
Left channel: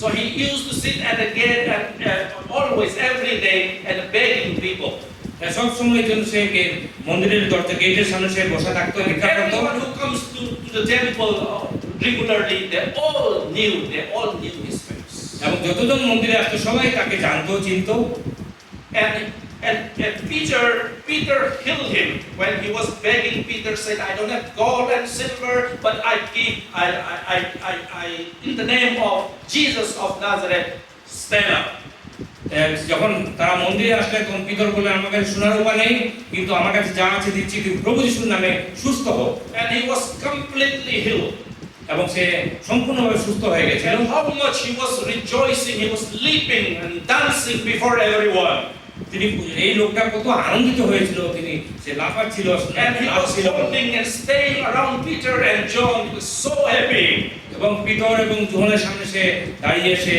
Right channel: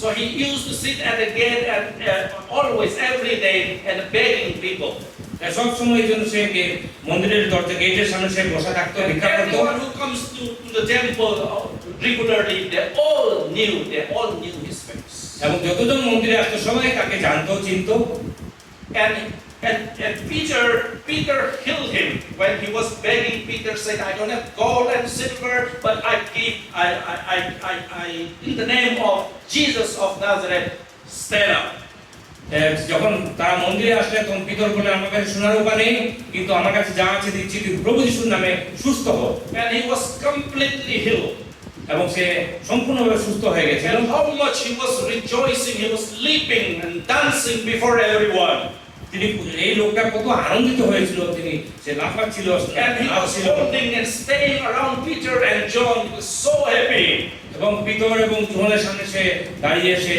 So he used to sit at the gate always, every day, and begging people. সব সময় জন্য সে মন্দিরের দরজা গেটের সামনে সে বসে থাকতো, ভিক্ষা করতো। Everyone who comes to the temple regularly, they all knew his face. এবং যতজন মন্দিরে আসতো সবাই তাকে জানতো, চিনতো। And Peter healed him when he was begging. Peter said, "I don't have gold and silver, but I in the name of Jesus of Nazareth, stand up." যখন তারা মন্দিরে আসলে তখন পিতর বললেন, আমার কাছে সোনার রূপা নেই, কিন্তু আমার কাছে যা আছে দিচ্ছি, কিন্তু প্রভু যিশুর নামে সুস্থ হও। And he was completely healed. এবং সে সম্পূর্ণভাবে সুস্থ হয়ে গেছিল। And how much he was rejoicing, he was leaping and dancing before everyone. তিনি এই লোকটা কত আনন্দিত হয়েছিল, তিনি সে লাফাচ্ছিল, And he was holding and staying around Peter and John. He was so happy. এবং পিতর এবং যোহনের সামনে সে দাঁড়িয়ে সে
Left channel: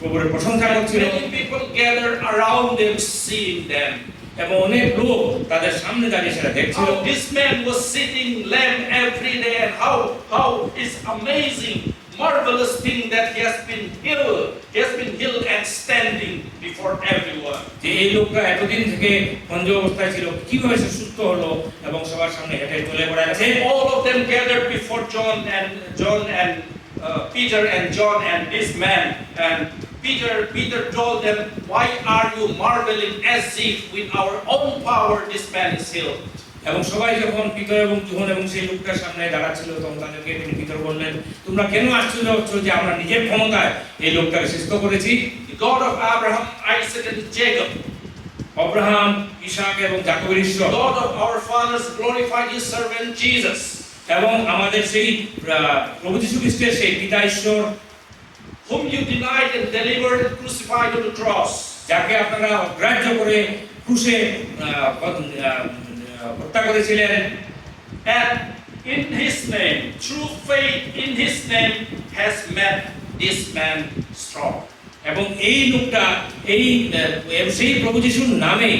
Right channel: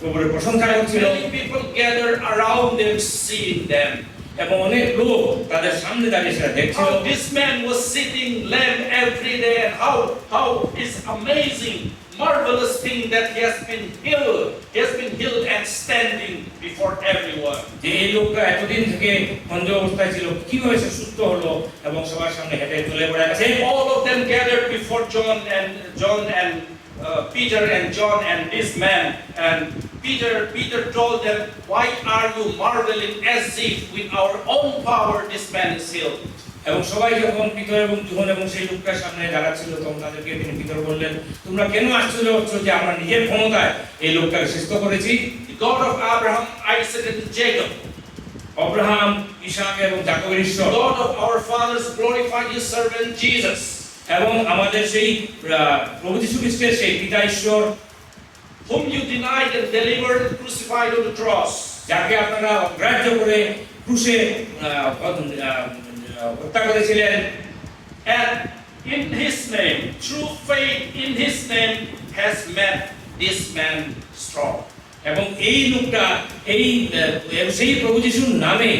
প্রভুর প্রশংসা করছিল। Many people gathered around them, seeing them. এবং অনেক লোক তাদের সামনে দাঁড়িয়ে সেটা দেখছিল। How this man was sitting lame every day, and how is amazing, marvelous thing that he has been healed. He has been healed and standing before everyone. যে এই লোকটা এতদিন থেকে খঞ্জ অবস্থায় ছিল, কিভাবে সে সুস্থ হলো এবং সবার সামনে হেঁটে চলে বেড়াচ্ছে। All of them gathered before John and Peter and John and this man. And Peter told them, "Why are you marveling as if with our own power this man is healed?" এবং সবাই যখন পিতর এবং যোহন এবং সেই লোকটার সামনে দাঁড়াচ্ছিল, তখন তাদেরকে তিনি পিতর বললেন, তোমরা কেন আশ্চর্য হচ্ছ যে আমরা নিজের ক্ষমতায় এই লোকটাকে সুস্থ করেছি? The God of Abraham, Isaac, and Jacob, Abraham, Isaac এবং যাকবের ঈশ্বর, God of our fathers, glorified his servant Jesus, এবং আমাদের সেই প্রভু যীশু খ্রিস্টের সেই পিতা ঈশ্বর, whom you denied and delivered and crucified on the cross. যাকে আপনারা অগ্রাহ্য করে ক্রুশে হত্যা করেছিলেন। And in his name, true faith in his name has made this man strong. এবং এই লোকটা সেই প্রভু যিশুর নামে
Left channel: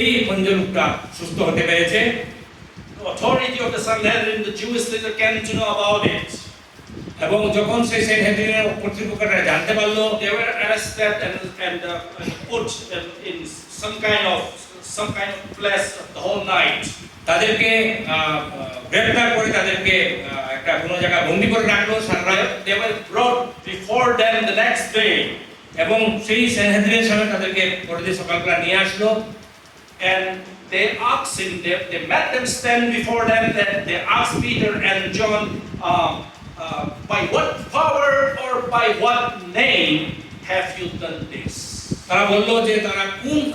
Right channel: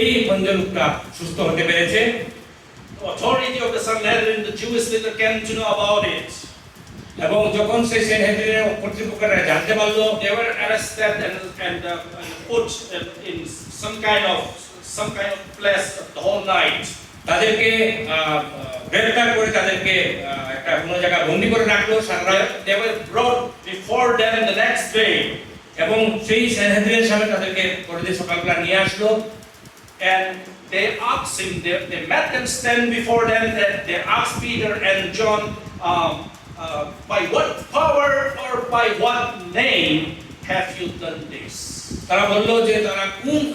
এই খঞ্জ লোকটা সুস্থ হতে পেরেছে। The authority of the Sanhedrin, the Jewish leader, came to know about it. এবং যখন সে সেনহেদরিনের কর্তৃপক্ষরা জানতে পারলো, They were arrested and put in some kind of place the whole night. তাদেরকে গ্রেফতার করে তাদেরকে একটা কোনো জায়গায় বন্দী করে রাখলো সারা রাত। They were brought before them the next day. এবং সেই সেনহেদরিনের সামনে তাদেরকে পরের দিন সকালবেলা নিয়ে আসলো। And they asked him, they made them stand before them, that they asked Peter and John, by what power or by what name have you done this? তারা বললো যে তারা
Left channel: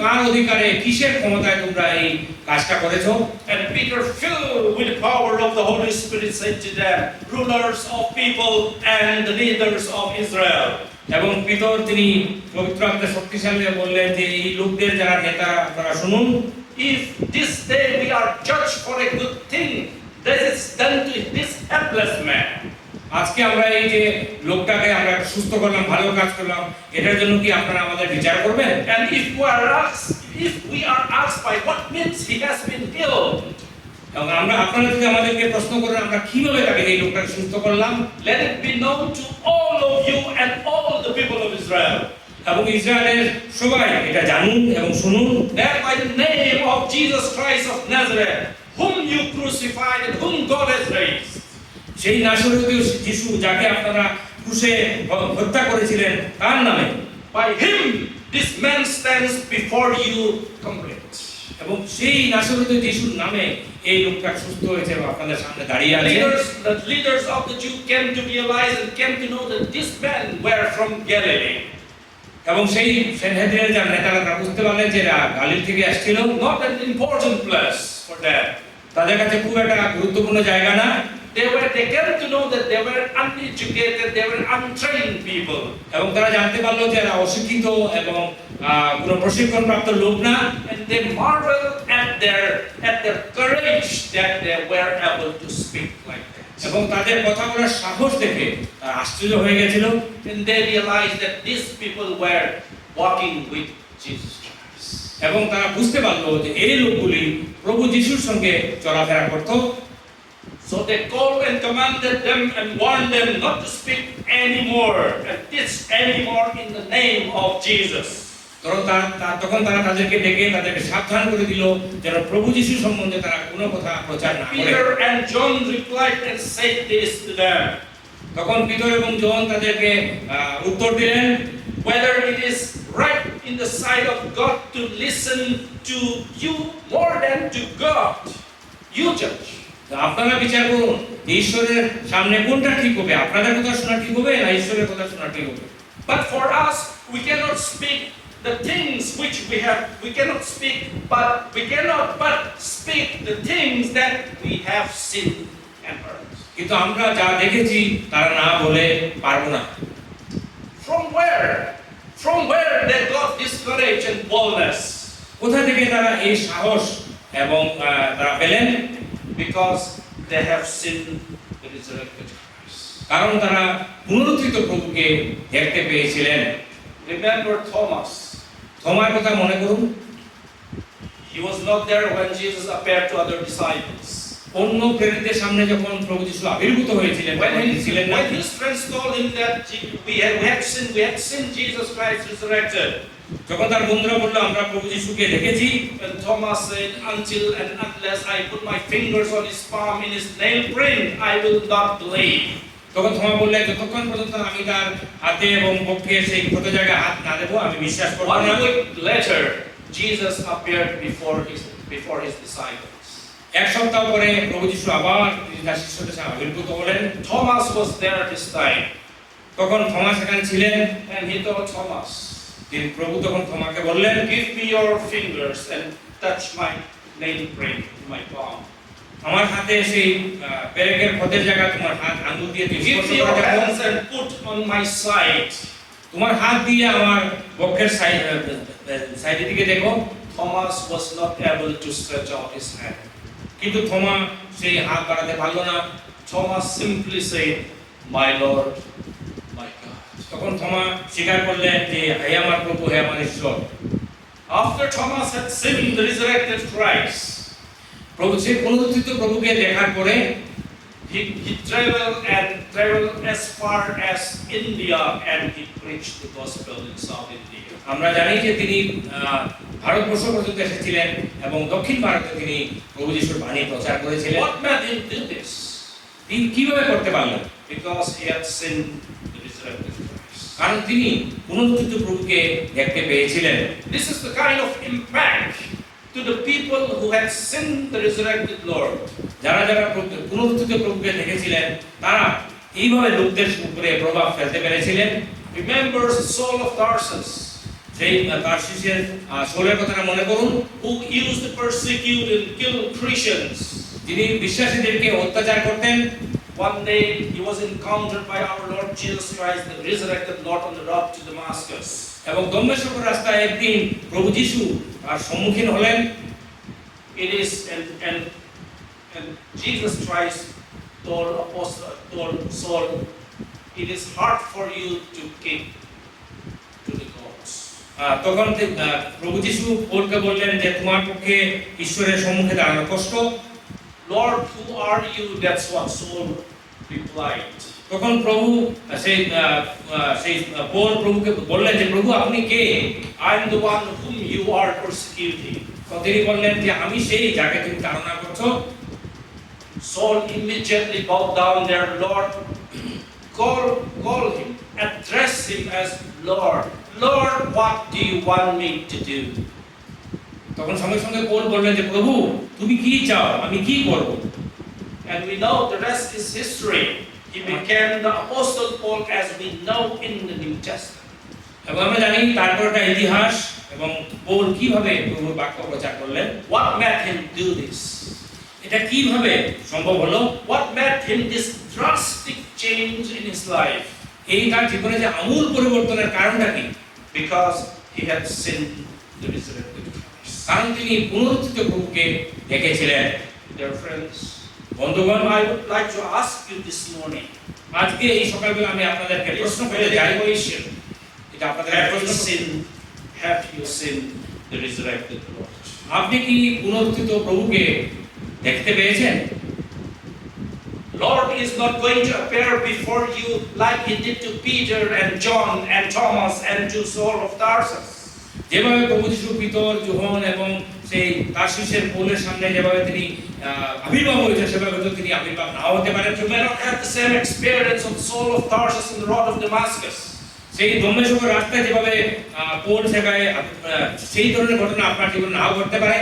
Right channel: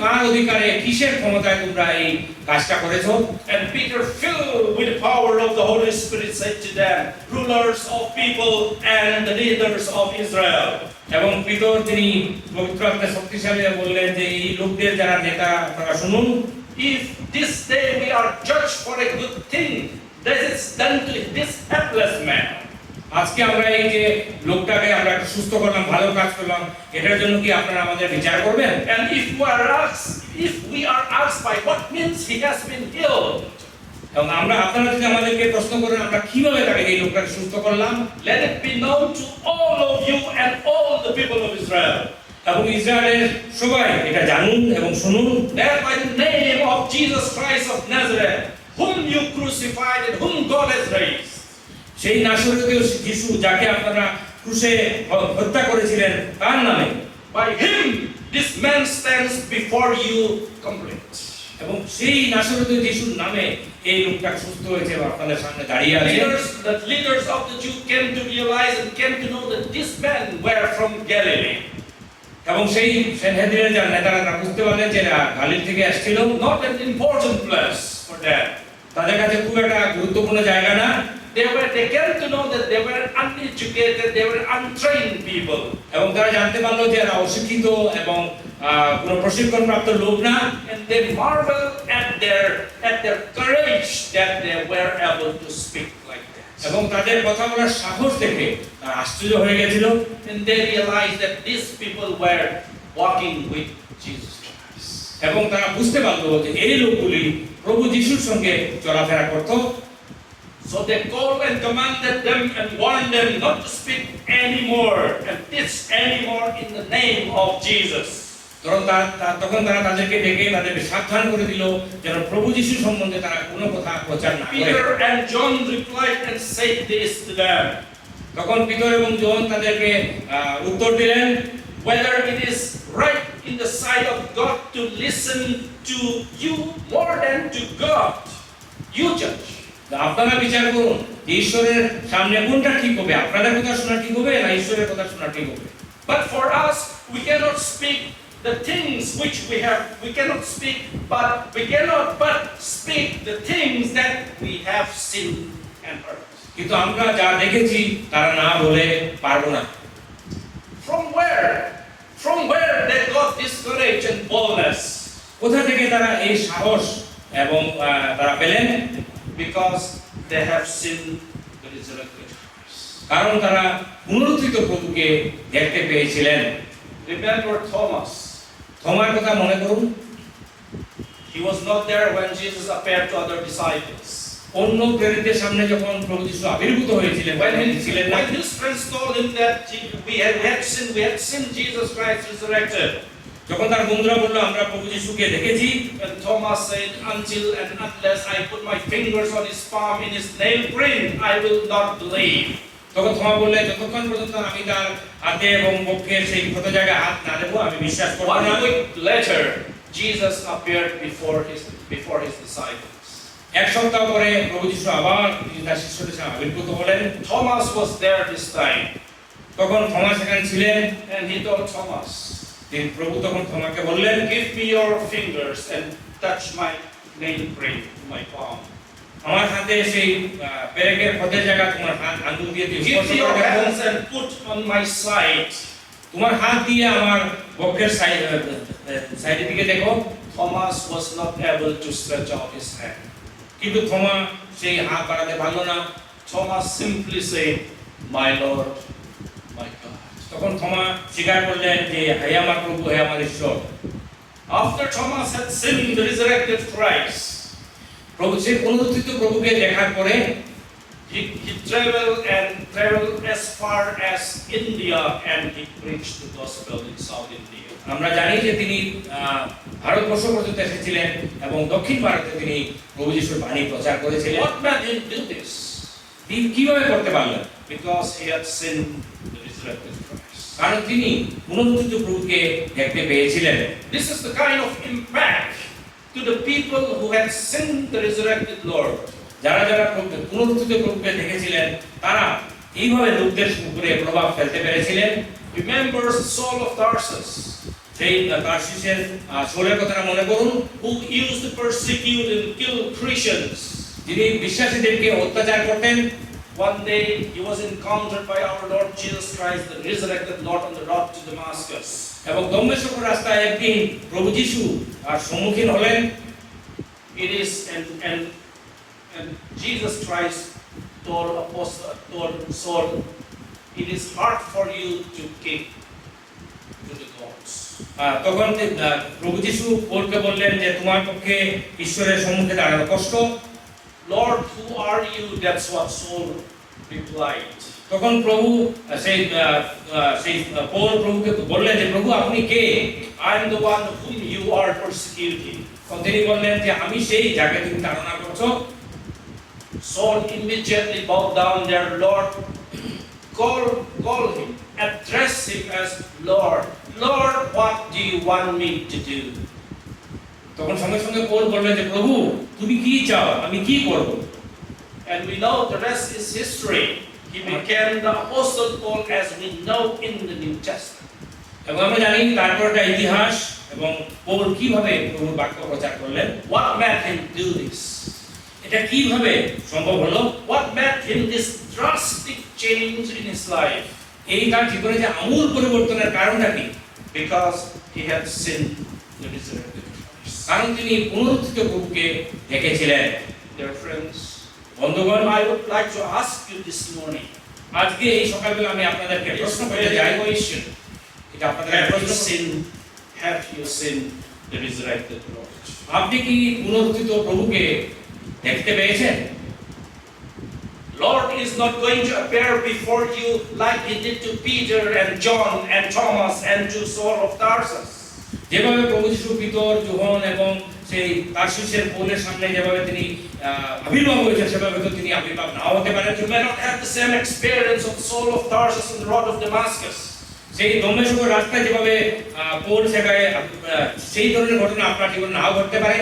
কার অধিকারে কিসের ক্ষমতায় তোমরা এই কাজটা করেছো? And Peter, filled with the power of the Holy Spirit, said to them, rulers of people and the leaders of Israel. এবং পিতর তিনি পবিত্র আত্মায় শক্তিশালী হয়ে বললেন যে এই লোকদের যারা নেতা তারা শুনুন, If this day we are judged for a good thing that is done to this helpless man, আজকে আমরা এই যে লোকটাকে আমরা সুস্থ করলাম, ভালো কাজ করলাম, এটার জন্য কি আপনারা আমাদের বিচার করবেন? and if we are asked by what means he has been healed, এবং আপনারা যদি আমাদেরকে প্রশ্ন করেন আমরা কিভাবে তাকে এই লোকটাকে সুস্থ করলাম, let it be known to all of you and all the people of Israel, এবং ইসরায়েলের সবাই এটা জানুন এবং শুনুন, that by the name of Jesus Christ of Nazareth, whom you crucified and whom God has raised, সেই নাসরীয় যিশু যাকে আপনারা ক্রুশে হত্যা করেছিলেন তার নামে, by him this man stands before you complete. এবং সেই নাসরীয় যিশুর নামে এই লোকটা সুস্থ হয়েছে এবং আপনাদের সামনে দাঁড়িয়ে আছে। The leaders of the Jews came to realize and came to know that these men were from Galilee. এবং সেই সেনহেদরিনের যারা নেতারা তারা বুঝতে পারলেন যে এরা গালিল থেকে আসছিল, Not an important place for them. তাদের কাছে খুব একটা গুরুত্বপূর্ণ জায়গা না। They came to know that they were uneducated, they were untrained people. এবং তারা জানতে পারলো যে এরা অশিক্ষিত এবং কোনো প্রশিক্ষণপ্রাপ্ত লোক না, and they marvel at their courage that they were able to speak like that. এবং তাদের কথা বলার সাহস দেখে তারা আশ্চর্য হয়ে গেছিল। And they realized that these people were walking with Jesus Christ. এবং তারা বুঝতে পারলো যে এই লোকগুলি প্রভু যিশুর সঙ্গে চলাফেরা করত। So they called and commanded them and warned them not to speak anymore and teach anymore in the name of Jesus. তখন তারা তাদেরকে ডেকে তাদেরকে সাবধান করে দিল যেন প্রভু যিশু সম্বন্ধে তারা কোনো কথা প্রচার না করে। Peter and John replied and said this to them. তখন পিতর এবং জন তাদেরকে উত্তর দিলেন, Whether it is right in the sight of God to listen to you more than to God, you judge. আপনারা বিচার করুন যে ঈশ্বরের সামনে কোনটা ঠিক হবে, আপনাদের কথা শোনা ঠিক হবে না ঈশ্বরের কথা শোনা ঠিক হবে। But for us, we cannot speak the things which we cannot speak, but we cannot but speak the things that we have seen and heard. কিন্তু আমরা যা দেখেছি তারা না বলে পারবো না। From where they got this courage and boldness? কোথা থেকে তারা এই সাহস এবং তারা পেলেন? Because they have seen the resurrected Christ. কারণ তারা পুনরুত্থিত প্রভুকে দেখতে পেয়েছিলেন। Remember Thomas. থমার কথা মনে করুন, He was not there when Jesus appeared to other disciples. অন্য প্রেরিতদের সামনে যখন প্রভু যিশু আবির্ভূত হয়েছিলেন When his friends told him that we had seen Jesus Christ resurrected, যখন তার বন্ধুরা বলল আমরা প্রভু যিশুকে দেখেছি, and Thomas said, until and unless I put my fingers on his palm in his nail print, I will not believe. তখন থমা বললেন যতক্ষণ পর্যন্ত আমি তার হাতে এবং বক্ষে সেই ক্ষত জায়গায় হাত না দেবো আমি বিশ্বাস করব না। 1 week later, Jesus appeared before his disciples. এক সপ্তাহ পরে প্রভু যিশু আবার তার শিষ্যদের সামনে আবির্ভূত হলেন। Thomas was there this time, তখন থমা সেখানে ছিলেন। and he told Thomas, তিনি প্রভু তখন থমাকে বললেন, give me your fingers and touch my nail print in my palm. আমার হাতে সেই পেরেকের ক্ষতের জায়গা তোমার হাত আঙ্গুল দিয়ে তুমি Give স্পর্শ me your করে দেখো। hands and put on my side. তোমার হাত দিয়ে আমার বক্ষের সাইডের দিকে দেখো। Thomas was not able to stretch out his hand. কিন্তু থমা সেই হাত বাড়াতে পারলো না। Thomas simply said, my Lord, my God. তখন থমা স্বীকার করলেন যে হে আমার প্রভু, হে আমার ঈশ্বর। After Thomas had seen the resurrected Christ, প্রভু সেই পুনরুত্থিত প্রভুকে দেখার পরে he traveled as far as India and he preached the gospel in South India. আমরা জানি যে তিনি ভারতবর্ষ পর্যন্ত এসেছিলেন এবং দক্ষিণ ভারতে তিনি প্রভু যিশুর বাণী প্রচার করেছিলেন। What made him do this? তিনি কিভাবে করতে পারলেন? Because he had seen the resurrected Christ. কারণ তিনি পুনরুত্থিত প্রভুকে দেখতে পেয়েছিলেন। This is the kind of impact to the people who had seen the resurrected Lord. যারা যারা পুনরুত্থিত প্রভুকে দেখেছিলেন তারা এইভাবে লোকদের উপরে প্রভাব ফেলতে পেরেছিলেন। Remember Saul of Tarsus, সেই তার্সিসের শৌলের কথাটা মনে করুন, who used to persecute and kill Christians. যিনি বিশ্বাসীদেরকে অত্যাচার করতেন। One day he was encountered by our Lord Jesus Christ, the resurrected Lord, on the road to Damascus. এবং দমেস্ক রাস্তায় একদিন প্রভু যিশু তার সম্মুখীন হলেন। It is and Jesus Christ told Saul, it is hard for you to keep to the gods. তখন প্রভু যিশু পৌলকে বললেন যে তোমার পক্ষে ঈশ্বরের সম্মুখে দাঁড়ানো কষ্ট। Lord, who are you? That's what Saul replied. তখন প্রভু সেই পৌল প্রভুকে বললেন যে প্রভু আপনি কে? I'm the one whom you are persecuting. তিনি বললেন যে আমি সেই যাকে তুমি তাড়না করছো। Saul immediately bowed down there. Lord, call him, address him as Lord. Lord, what do you want me to do? তখন সঙ্গে সঙ্গে পৌল বললেন যে প্রভু তুমি কি চাও, আমি কি করব? And we know the rest is history. He became the Apostle Paul as we know in the New Testament. এবং আমরা জানি তারপর একটা ইতিহাস এবং পৌল কিভাবে প্রভুর বাক্য প্রচার করলেন। What made him do this? এটা কিভাবে সম্ভব হলো? What made him this drastic change in his life? এই তার জীবনে যে আমূল পরিবর্তনের কারণটা কি? Because he had seen the resurrected Christ. কারণ তিনি পুনরুত্থিত প্রভুকে দেখেছিলেন। Dear friends, বন্ধুগণ, I would like to ask you this morning, আজকে এই সকালবেলা আমি আপনাদেরকে it's প্রশ্ন a করে যাই, question. এটা আপনাদের Have you seen the resurrected Lord? আপনি কি পুনরুত্থিত প্রভুকে দেখতে পেয়েছেন? Lord is not going to appear before you like he did to Peter and John and Thomas and to Saul of Tarsus. যেভাবে প্রভু যিশু পিতর, যোহন এবং সেই তারসিসের পৌলের সামনে যেভাবে তিনি আবির্ভাব হয়েছে, সেভাবে তো তিনি আবির্ভাব নাও হতে পারেন। You may not have the same experience of Saul of Tarsus on the road of Damascus. সেই দমেস্ক রাস্তায় যেভাবে পৌল শেখায়, সেই ধরনের ঘটনা আপনার জীবনে নাও ঘটতে পারে।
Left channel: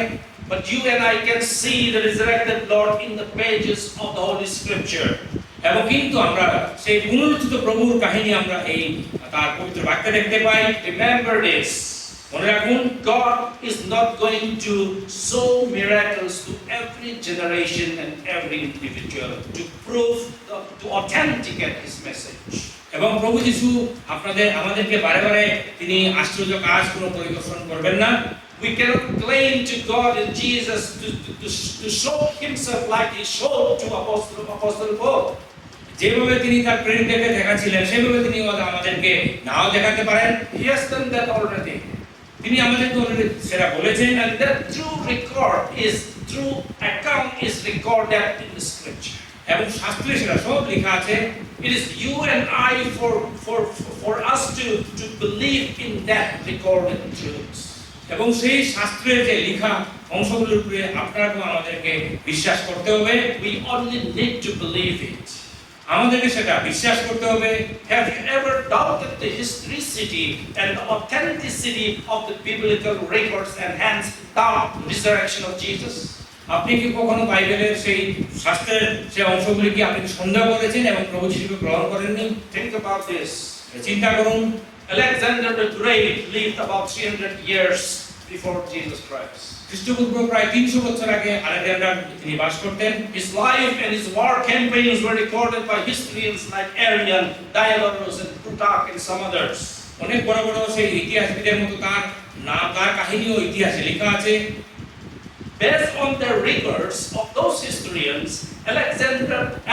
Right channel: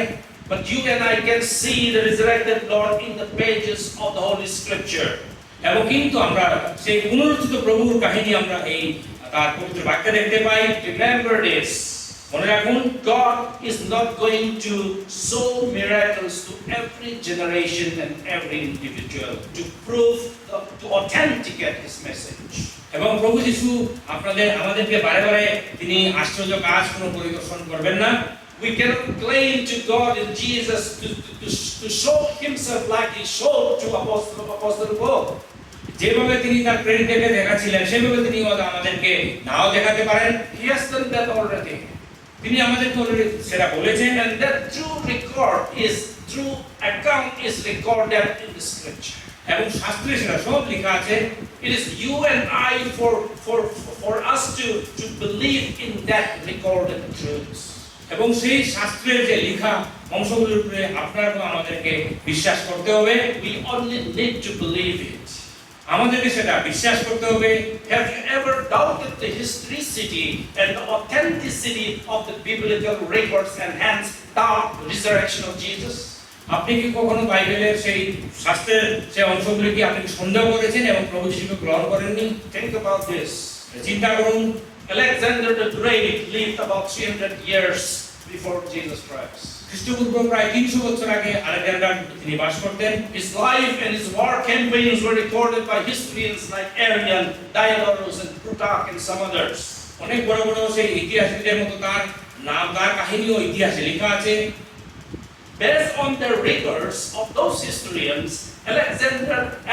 But you and I can see the resurrected Lord in the pages of the Holy Scripture. এবং কিন্তু আমরা সেই পুনরুত্থিত প্রভুর কাহিনী আমরা এই তার পবিত্র বাক্যে দেখতে পাই। Remember this. মনে রাখুন, God is not going to show miracles to every generation and every individual to prove, to authenticate His message. এবং প্রভু যিশু আমাদেরকে বারে বারে তিনি আশ্চর্য কাজ কোনো পরিদর্শন করবেন না। We cannot claim to God in Jesus to show Himself like He showed to Apostle Paul. যেভাবে তিনি তার প্রেরিতদেরকে দেখাচ্ছিলেন, সেভাবে তিনি আমাদেরকে নাও দেখাতে পারেন। He has done that already. তিনি আমাদেরকে সেটা বলেছেন, And that true account is recorded in the Scripture. এবং শাস্ত্রে সেটা সব লেখা আছে। It is you and I for us to believe in that recorded truths. এবং সেই শাস্ত্রের যে লেখা অংশগুলোর উপরে আপনার এবং আমাদেরকে বিশ্বাস করতে হবে। We only need to believe it. আমাদেরকে সেটা বিশ্বাস করতে হবে। Have you ever doubted the historicity and the authenticity of the biblical records and hence the resurrection of Jesus? আপনি কি কখনো বাইবেলের সেই শাস্ত্রের সেই অংশগুলিকে আপনি সন্দেহ করেছেন এবং প্রভু যিশুকে গ্রহণ করেননি? Think about this. চিন্তা করুন, Alexander the Great lived about 300 years before Jesus Christ. খ্রিস্টপূর্ব প্রায় 300 বছর আগে আলেকজান্ডার তিনি বাস করতেন। His life and his war campaigns were recorded by historians like Arrian, Diodorus, and Plutarch, and some others. অনেক বড় বড় সেই ইতিহাসবিদের মতো তার নাম, তার কাহিনীও ইতিহাসে লেখা আছে। Based on the records of those historians,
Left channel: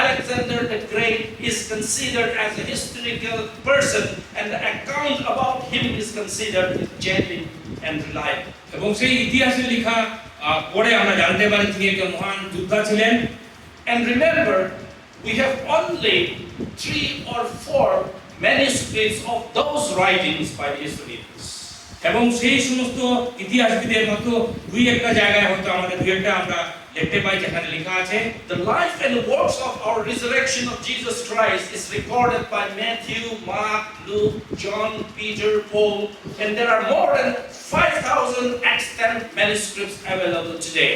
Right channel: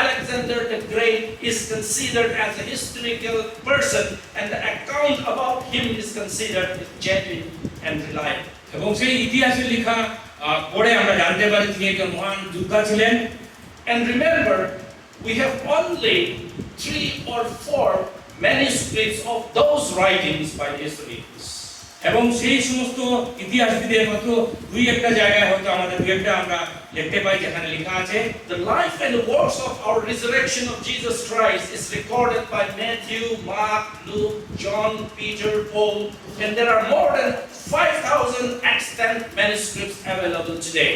Alexander the Great is considered as a historical person, and the account about him is considered genuine and reliable. এবং সেই ইতিহাসে লেখা পড়ে আমরা জানতে পারি তিনি একজন মহান যোদ্ধা ছিলেন। And remember, we have only 3 or 4 manuscripts of those writings by the historians. এবং সেই সমস্ত ইতিহাসবিদের মাত্র 2-1টা জায়গায় হয়তো আমাদের 2-1টা আমরা দেখতে পাই যেখানে লেখা আছে। The life and works of our resurrection of Jesus Christ is recorded by Matthew, Mark, Luke, John, Peter, Paul, and there are more than 5,000 extant manuscripts available today.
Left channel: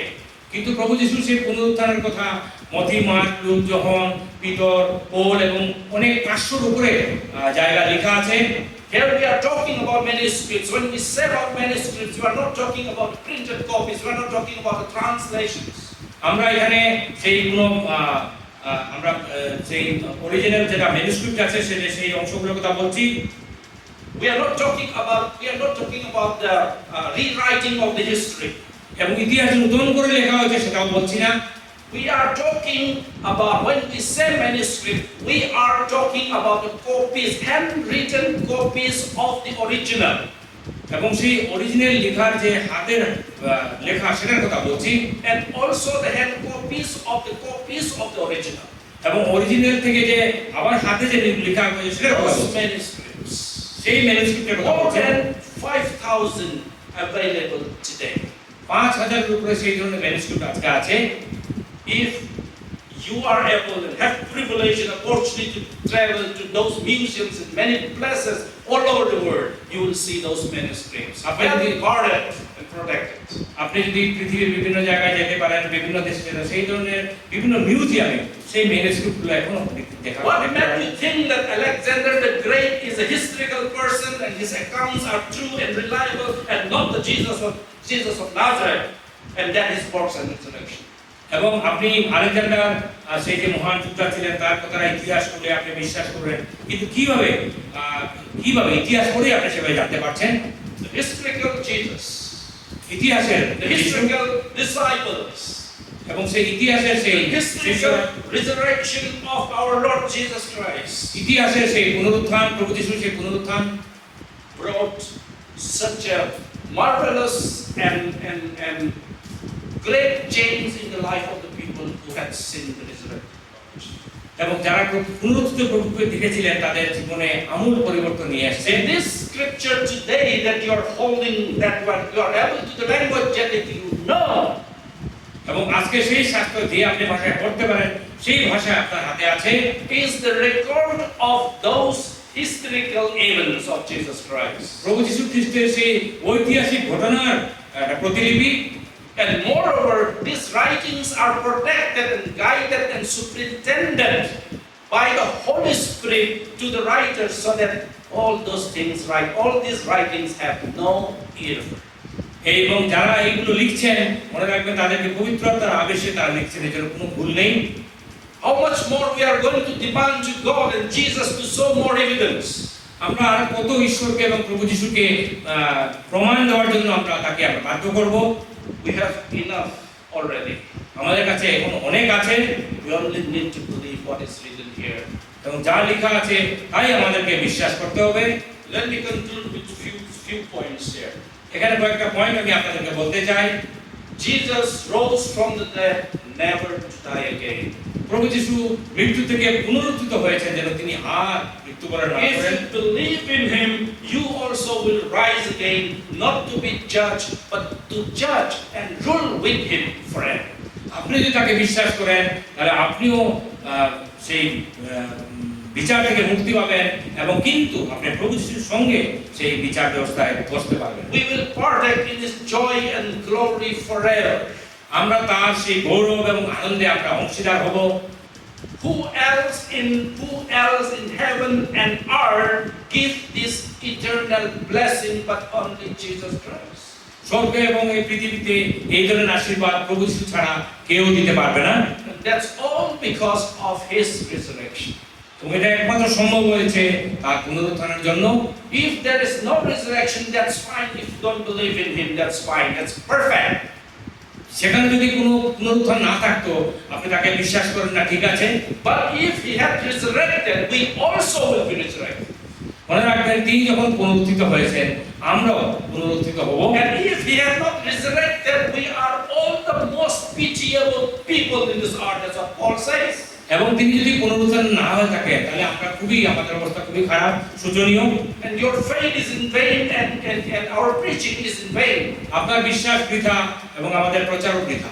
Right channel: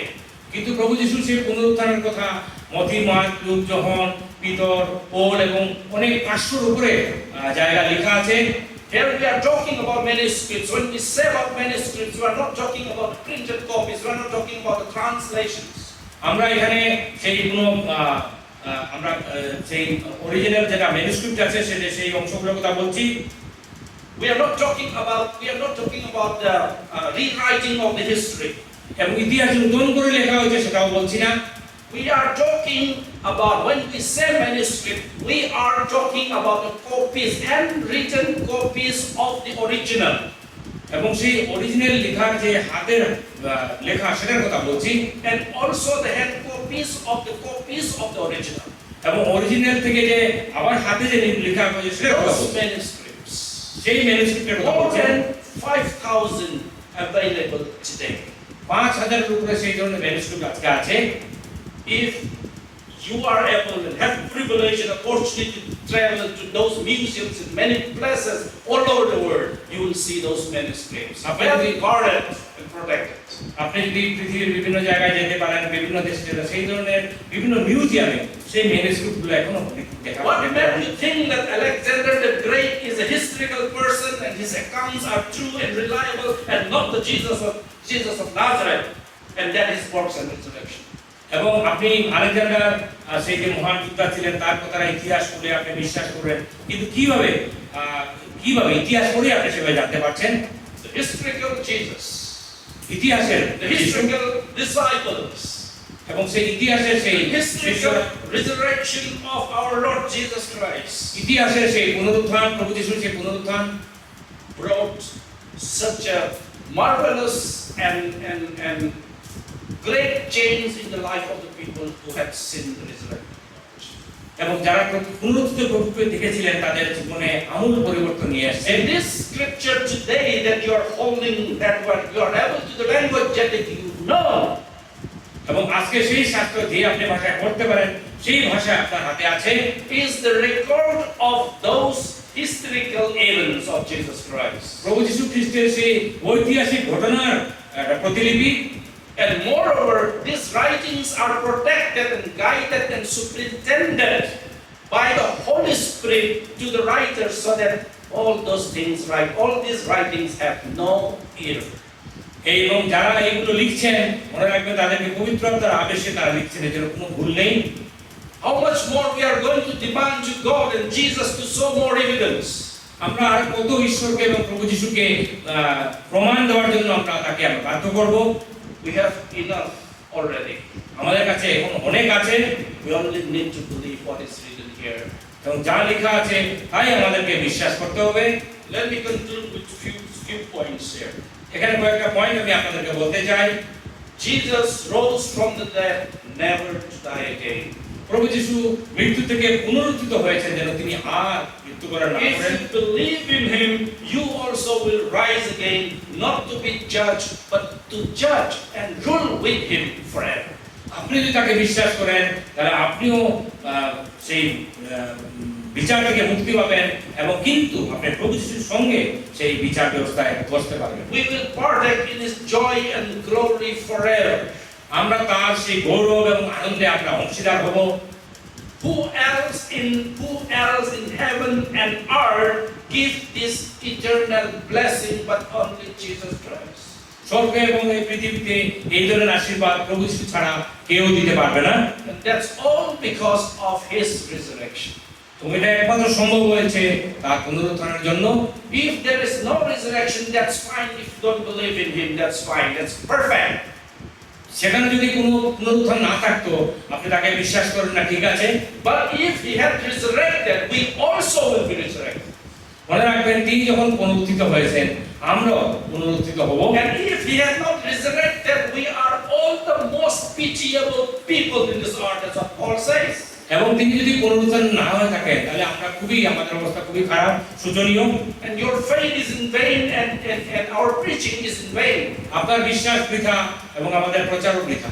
কিন্তু প্রভু যিশুর সেই পুনরুত্থানের কথা মথি, মার্ক, লুক, যোহন, পিতর, পৌল এবং অনেক 500-র উপরে জায়গা লেখা আছে। Here we are talking about manuscripts. When we say about manuscripts, we are not talking about printed copies. We are not talking about the translations. আমরা এখানে সেই আমরা সেই অরিজিনাল যেটা ম্যানুস্ক্রিপ্ট আছে সেই অংশগুলোর কথা বলছি। We are not talking about the rewriting of the history. এবং ইতিহাস নতুন করে লেখা হয়েছে সেটাও বলছি না। We are talking about, when we say manuscript, we are talking about the copies, handwritten copies of the original. এবং সেই অরিজিনাল লেখার যে হাতের লেখা সেটার কথা বলছি। And also the hand copies of the original. এবং অরিজিনাল থেকে যে আবার হাতে যে লেখা হয়েছে সেটার কথা Those বলছি। manuscripts. সেই ম্যানুস্ক্রিপ্টের কথা More বলছি। than 5,000 available today. 5,000-এর উপরে সেই ধরনের ম্যানুস্ক্রিপ্ট আজকে আছে। If you are able and have privilege and opportunity to travel to those museums in many places all over the world, you will see those manuscripts. Very guarded and protected. আপনি যদি পৃথিবীর বিভিন্ন জায়গায় যেতে পারেন, বিভিন্ন দেশে সেই ধরনের বিভিন্ন মিউজিয়ামে সেই ম্যানুস্ক্রিপ্টগুলো এখনো দেখা What যায়। made you think that Alexander the Great is a historical person and his accounts are true and reliable and not the Jesus of Nazareth and that his works and resurrection? এবং আপনি Alexander সেই যে মহান যোদ্ধা ছিলেন তার কথাটা ইতিহাস পড়ে আপনি বিশ্বাস করবেন, কিন্তু কিভাবে ইতিহাস পড়ে আপনি সেভাবে জানতে পারছেন? The the historical Jesus, ইতিহাসের the historical disciples, এবং সেই ইতিহাসের সেই the historical resurrection of our Lord Jesus Christ ইতিহাসের সেই পুনরুত্থান, প্রভু যিশুর সেই পুনরুত্থান brought such a marvelous and great change in the life of the people who had seen the resurrection. এবং যারা পুনরুত্থিত প্রভুকে দেখেছিলেন তাদের জীবনে আমূল পরিবর্তন নিয়ে আসছে। In this scripture today that you are holding, that you are able to the language that you know, এবং আজকে সেই শাস্ত্র যে আপনি ভাষায় পড়তে পারেন সেই ভাষা আপনার হাতে আছে, is the record of those historical events of Jesus Christ. প্রভু যীশু খ্রিস্টের সেই ঐতিহাসিক ঘটনার একটা প্রতিলিপি। And moreover, these writings are protected and guided and superintended by the Holy Spirit to the writers so that all those things right, all these writings have no error. এবং যারা এইগুলো লিখছেন মনে রাখবেন তাদেরকে পবিত্র আত্মার আবেশে তারা লিখছেন, এর কোনো ভুল নেই। How much more we are going to demand to God and Jesus to show more evidence. আমরা আর কত ঈশ্বরকে এবং প্রভু যীশুকে প্রমাণ দেওয়ার জন্য আমরা তাকে বাধ্য করব। We have enough already. আমাদের কাছে এখন অনেক আছে, We only need to believe what is written here. এবং যা লেখা আছে তাই আমাদেরকে বিশ্বাস করতে হবে। Let me conclude with few points here. এখানে কয়েকটা পয়েন্ট আমি আপনাদেরকে বলতে চাই। Jesus rose from the dead, never to die again. প্রভু যীশু মৃত্যু থেকে পুনরুত্থিত হয়েছেন যেন তিনি আর মৃত্যুবরণ না If করেন। you believe in him, you also will rise again, not to be judged, but to judge and rule with him forever. আপনি যদি তাকে বিশ্বাস করেন তাহলে আপনিও সেই বিচার থেকে মুক্তি পাবেন এবং কিন্তু আপনি প্রভু যিশুর সঙ্গে সেই বিচার ব্যবস্থায় বসতে পারবেন। We will partake in his joy and glory forever. আমরা তার সেই গৌরব এবং আনন্দে আমরা অংশীদার হব। Who else in heaven and earth give this eternal blessing but only Jesus Christ? স্বর্গে এবং এই পৃথিবীতে এই ধরনের আশীর্বাদ প্রভু যিশু ছাড়া কেউ দিতে পারবে না। And that's all because of his resurrection. এটা একমাত্র সম্ভব হয়েছে তার পুনরুত্থানের জন্য। If there is no resurrection, that's fine. If you don't believe in him, that's fine. That's perfect. সেখানে যদি কোনো পুনরুত্থান না থাকতো আপনি তাকে বিশ্বাস করেন না, ঠিক আছে, But if he had resurrected, we also will be resurrected. মনে রাখবেন তিনি যখন পুনরুত্থিত হয়েছেন আমরাও পুনরুত্থিত হব। And if he had not resurrected, we are all the most pitiable people in this earth, as Paul says. এবং তিনি যদি পুনরুত্থান না হয়ে থাকে তাহলে আমরা আমাদের অবস্থা খুবই খারাপ, শোচনীয়। And your faith is in vain, and our preaching is in vain. আপনার বিশ্বাস বৃথা এবং আমাদের প্রচারও বৃথা।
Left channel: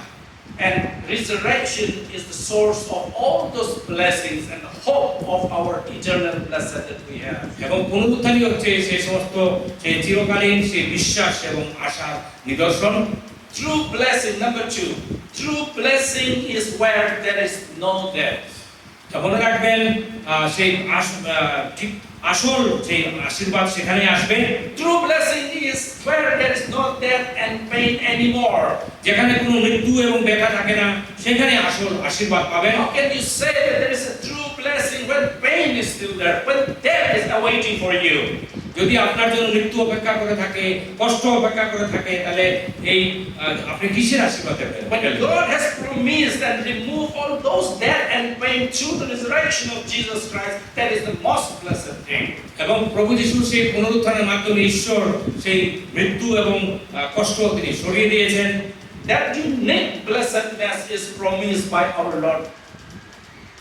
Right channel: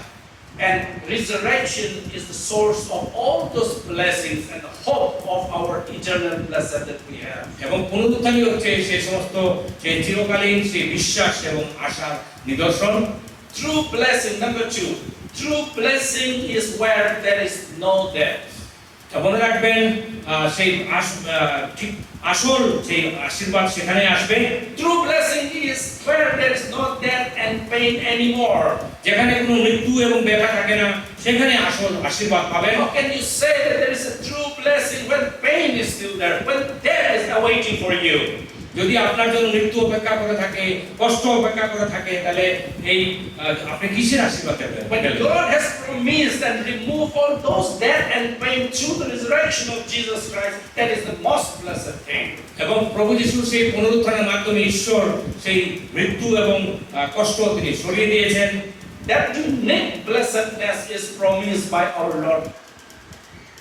And resurrection is the source of all those blessings and the hope of our eternal blessing that we have. এবং পুনরুত্থানই হচ্ছে সেই সমস্ত সেই চিরকালীন সেই বিশ্বাস এবং আশার নিদর্শন। True blessing, number 2. True blessing is where there is no death. মনে রাখবেন সেই ঠিক আসল সেই আশীর্বাদ সেখানে আসবে। True blessing is where there is no death and pain anymore. যেখানে কোনো মৃত্যু এবং ব্যথা থাকে না সেখানে আসল আশীর্বাদ পাবেন। How can you say that there is a true blessing when pain is still there, when death is awaiting for you? যদি আপনার জন্য মৃত্যু অপেক্ষা করে থাকে, কষ্ট অপেক্ষা করে থাকে, তাহলে এই আপনি কিসের আশীর্বাদ পাবেন? But God has promised and removed all those death and pain through the resurrection of Jesus Christ. That is the most blessed thing. এবং প্রভু যিশু সেই পুনরুত্থানের মাধ্যমে ঈশ্বর সেই মৃত্যু এবং কষ্ট তিনি সরিয়ে দিয়েছেন। That unique blessedness is promised by our Lord,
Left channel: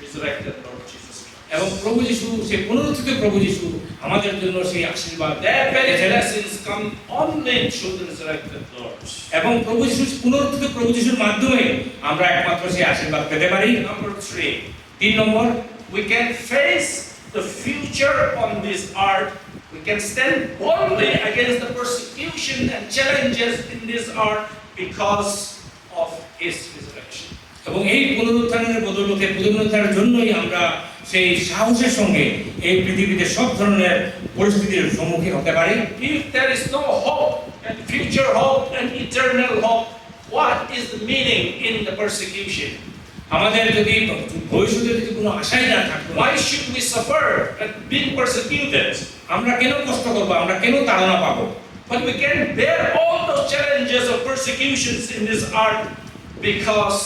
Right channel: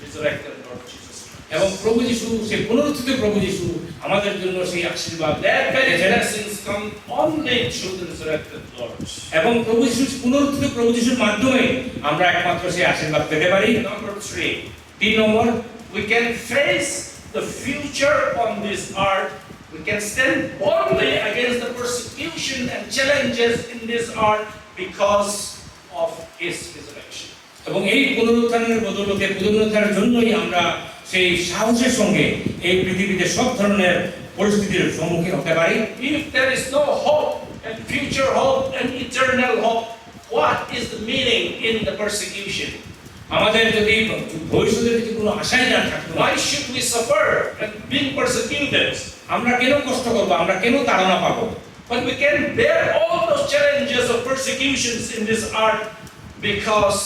resurrected Lord Jesus Christ. এবং প্রভু যিশু সেই পুনরুত্থিত প্রভু যিশু আমাদের জন্য সেই আশীর্বাদ That very blessings come only through the resurrected Lord. এবং প্রভু যিশু পুনরুত্থিত প্রভু যিশুর মাধ্যমে আমরা একমাত্র সেই আশীর্বাদ পেতে পারি। Number 3, 3 number, we can face the future on this earth. We can stand boldly against the persecution and challenges in this earth because of his resurrection. এবং এই পুনরুত্থানের বদৌলতে পুনরুত্থানের জন্যই আমরা সেই সাহসের সঙ্গে এই পৃথিবীতে সব ধরনের পরিস্থিতির সম্মুখীন হতে পারি। If there is no hope and future hope and eternal hope, what is the meaning in the persecution? আমাদের যদি ভবিষ্যতে যদি কোনো আশাই না থাকতো, Why should we suffer and being persecuted? আমরা কেন কষ্ট করবো, আমরা কেন তাড়না পাবো? But we can bear all those challenges of persecutions in this earth because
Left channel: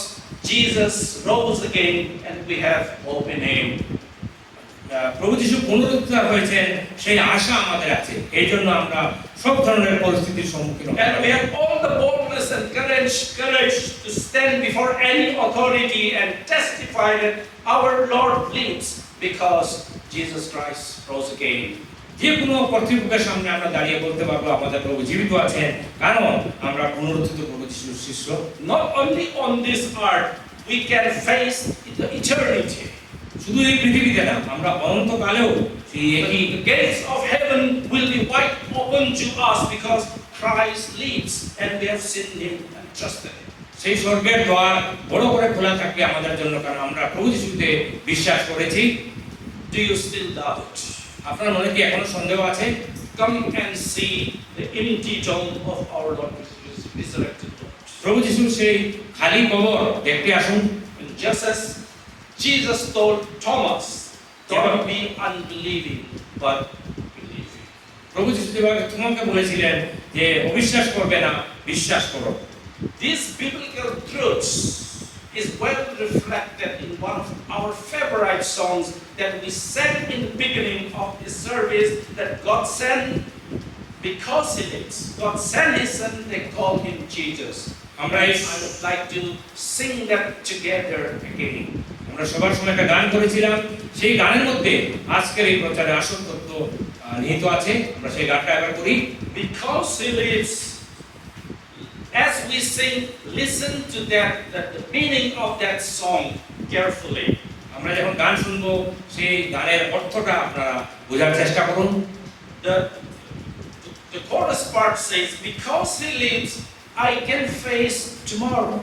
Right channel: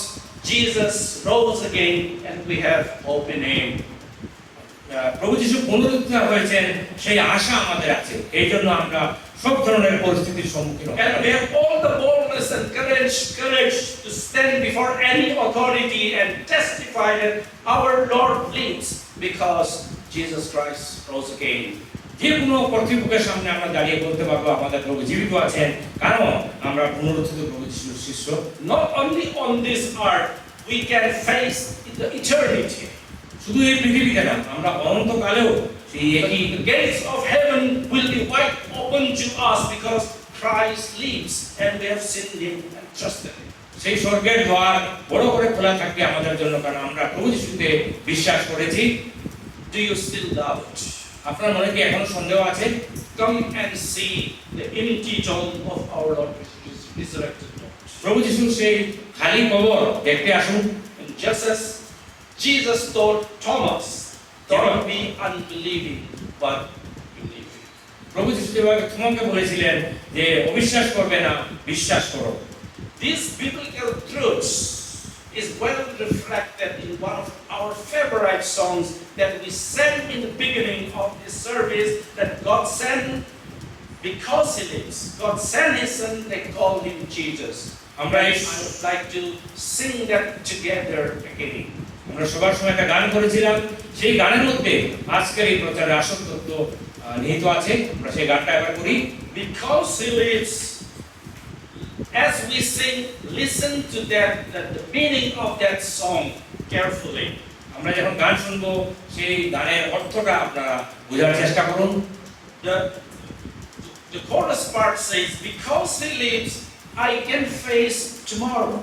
Jesus rose again and we have hope in Him. প্রভু যিশু পুনরুত্থান হয়েছেন সেই আশা আমাদের আছে। এই জন্য আমরা সব ধরনের পরিস্থিতির সম্মুখীন হতে And পারি। we have all the boldness and courage to stand before any authority and testify that our Lord lives because Jesus Christ rose again. যে কোনো কর্তৃপক্ষের সামনে আমরা দাঁড়িয়ে বলতে পারবো আমাদের প্রভু জীবিত আছেন, কারণ আমরা পুনরুত্থিত প্রভু যিশুর শিষ্য। Not only on this earth, we can face the eternity. শুধু এই পৃথিবীতে না, আমরা অনন্তকালেও সেই একই The gates of heaven will be wide open to us because Christ lives and we have seen Him and trusted Him. সেই স্বর্গের দ্বার বড় করে খোলা থাকবে আমাদের জন্য, কারণ আমরা প্রভু যিশুতে বিশ্বাস করেছি। Do you still doubt? আপনার মনে কি এখনো সন্দেহ আছে? Come and see the empty tomb of our Lord resurrected Lord. প্রভু যিশুর সেই খালি কবর দেখতে আসুন। And just as Jesus told Thomas, don't be unbelieving, but believing. প্রভু যিশু যেভাবে তোমাকে বলেছিলেন যে অবিশ্বাস করবে না, বিশ্বাস করো। These biblical truths is well reflected in one of our favorite songs that we sang in the beginning of this service, that God sent because He lives. God sent His Son, they call Him Jesus. I would like to sing that together again. আমরা সবার সময় একটা গান করেছিলাম, সেই গানের মধ্যে আজকের এই প্রচারের আসল তত্ত্ব নিহিত আছে। আমরা সেই গানটা একবার করি। Because He lives, as we sing, listen to that, the meaning of that song carefully. আমরা যখন গান শুনবো সেই গানের অর্থটা আপনারা বোঝার চেষ্টা করুন। The chorus part says, because He lives, I can face tomorrow.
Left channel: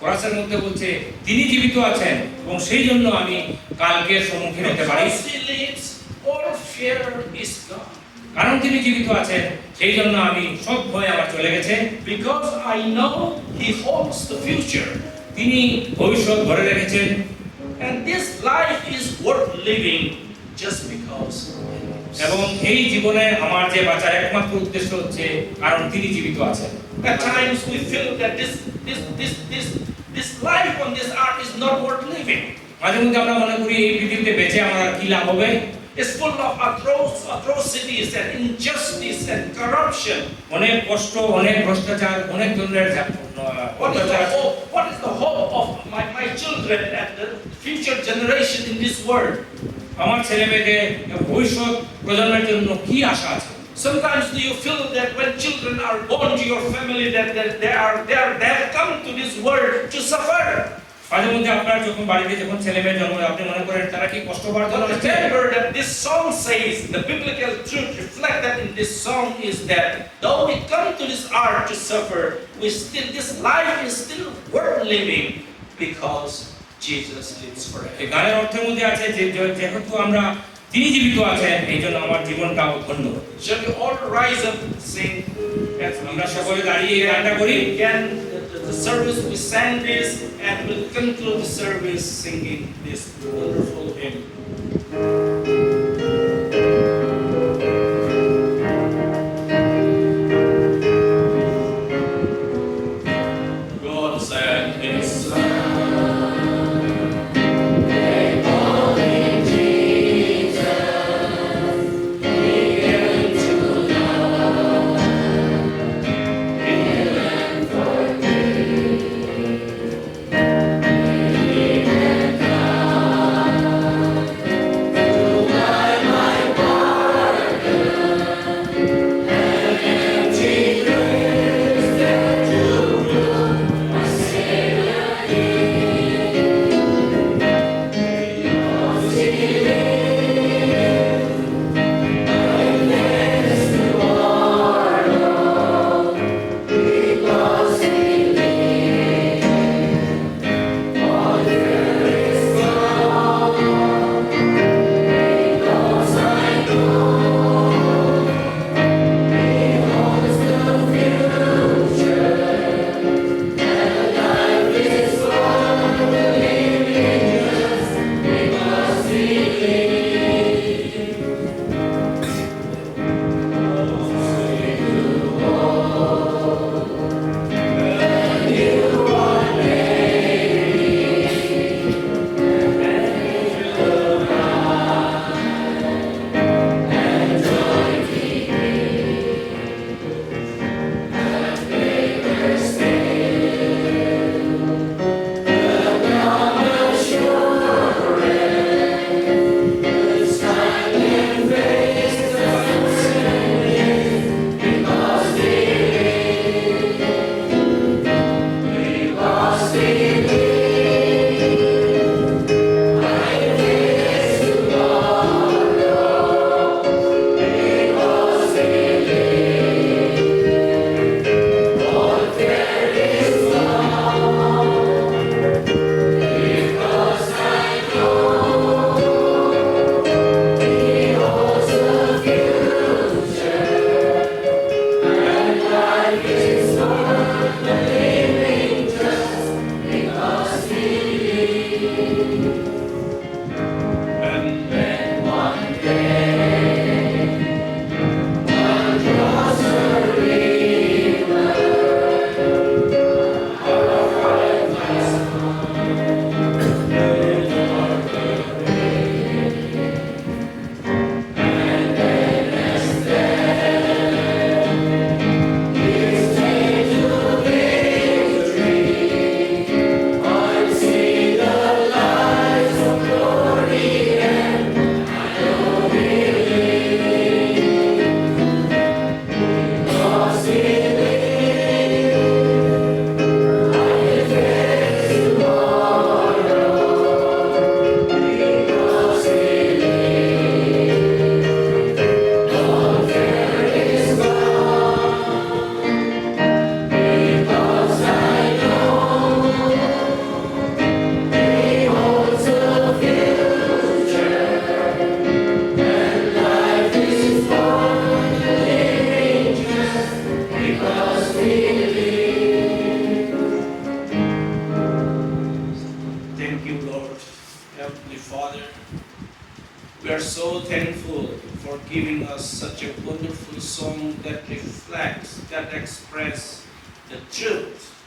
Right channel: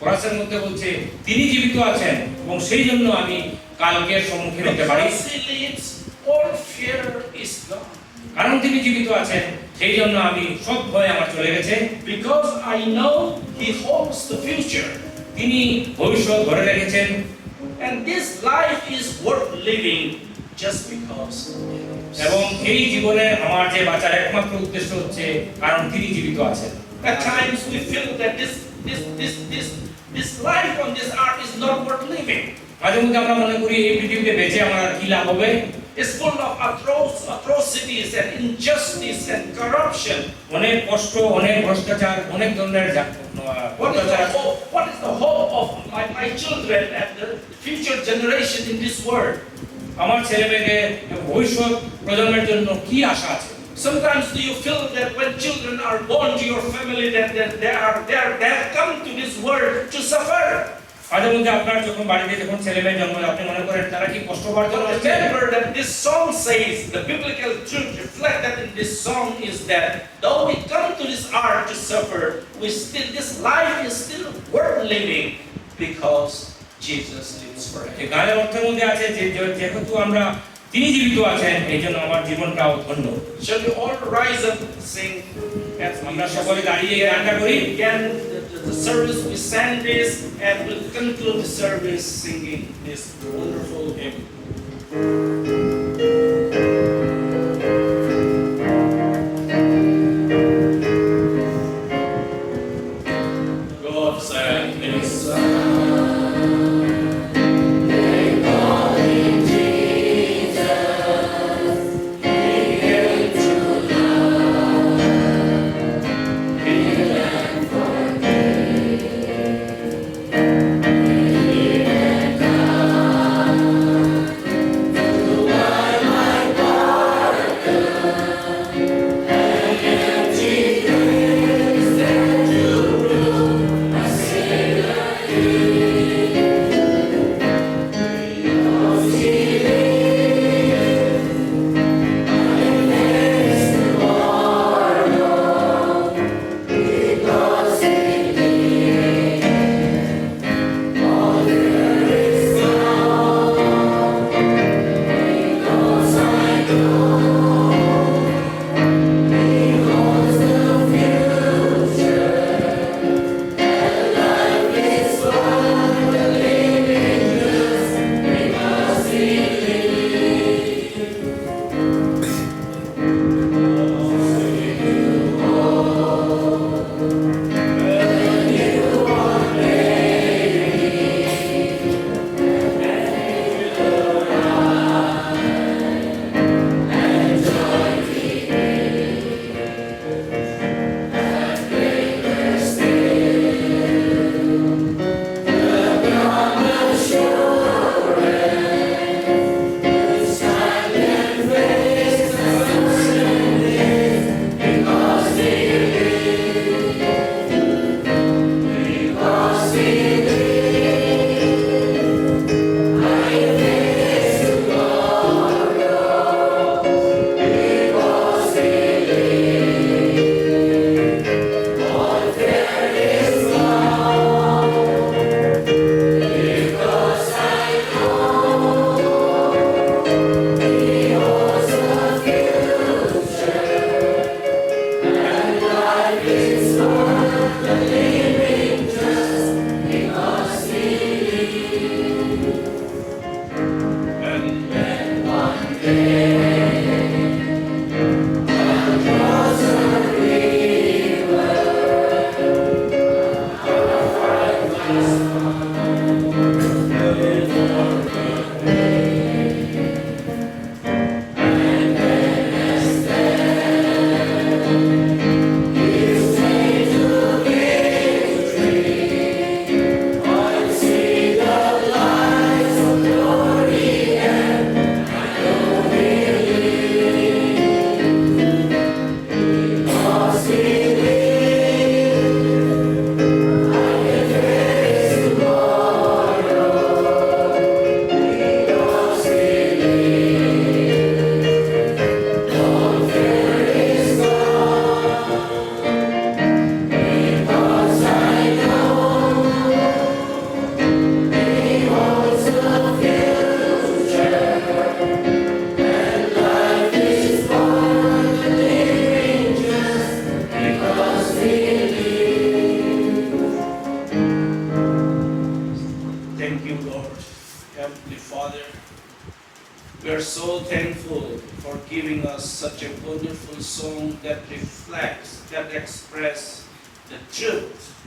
কোরাসের মধ্যে বলছে তিনি জীবিত আছেন এবং সেই জন্য আমি কালকের সম্মুখীন হতে পারি। Because He lives, all fear is gone. কারণ তিনি জীবিত আছেন সেই জন্য আমি সব ভয় আমার চলে গেছে। Because I know He holds the future. তিনি ভবিষ্যৎ ধরে রেখেছেন। And this life is worth living just because He lives. এবং এই জীবনে আমার যে বাঁচার একমাত্র উদ্দেশ্য হচ্ছে কারণ তিনি জীবিত আছেন। At times we feel that this life on this earth is not worth living. মাঝে মধ্যে আমরা মনে করি এই পৃথিবীতে বেঁচে আমার আর কি লাভ হবে? It's full of atrocities and injustice and corruption. অনেক কষ্ট, অনেক ভ্রষ্টাচার, অনেক ধরনের অত্যাচার। What is the hope of my children and the future generation in this world? আমার ছেলে মেয়েদের ভবিষ্যৎ প্রজন্মের জন্য কি আশা আছে? Sometimes do you feel that when children are born to your family that they have come to this world to suffer? মাঝে মধ্যে আপনার যখন বাড়িতে যখন ছেলে মেয়ে জন্ম হয় আপনি মনে করেন তারা কি কষ্ট পাওয়ার জন্য But আসছে? remember that this song says, the biblical truth reflected in this song is that though we come to this earth to suffer, this life is still worth living because Jesus lives forever. এই গানের অর্থের মধ্যে আছে যে যেহেতু আমরা তিনি জীবিত আছেন এই জন্য আমার জীবনটাও ধন্য। Shall we all rise up and sing? আমরা সকলে দাঁড়িয়ে এই গানটা করি। Again, the service we sang this and we'll conclude the service singing this wonderful hymn. God sent His Son. Thank for giving us such a wonderful song that reflects, that expresses the truth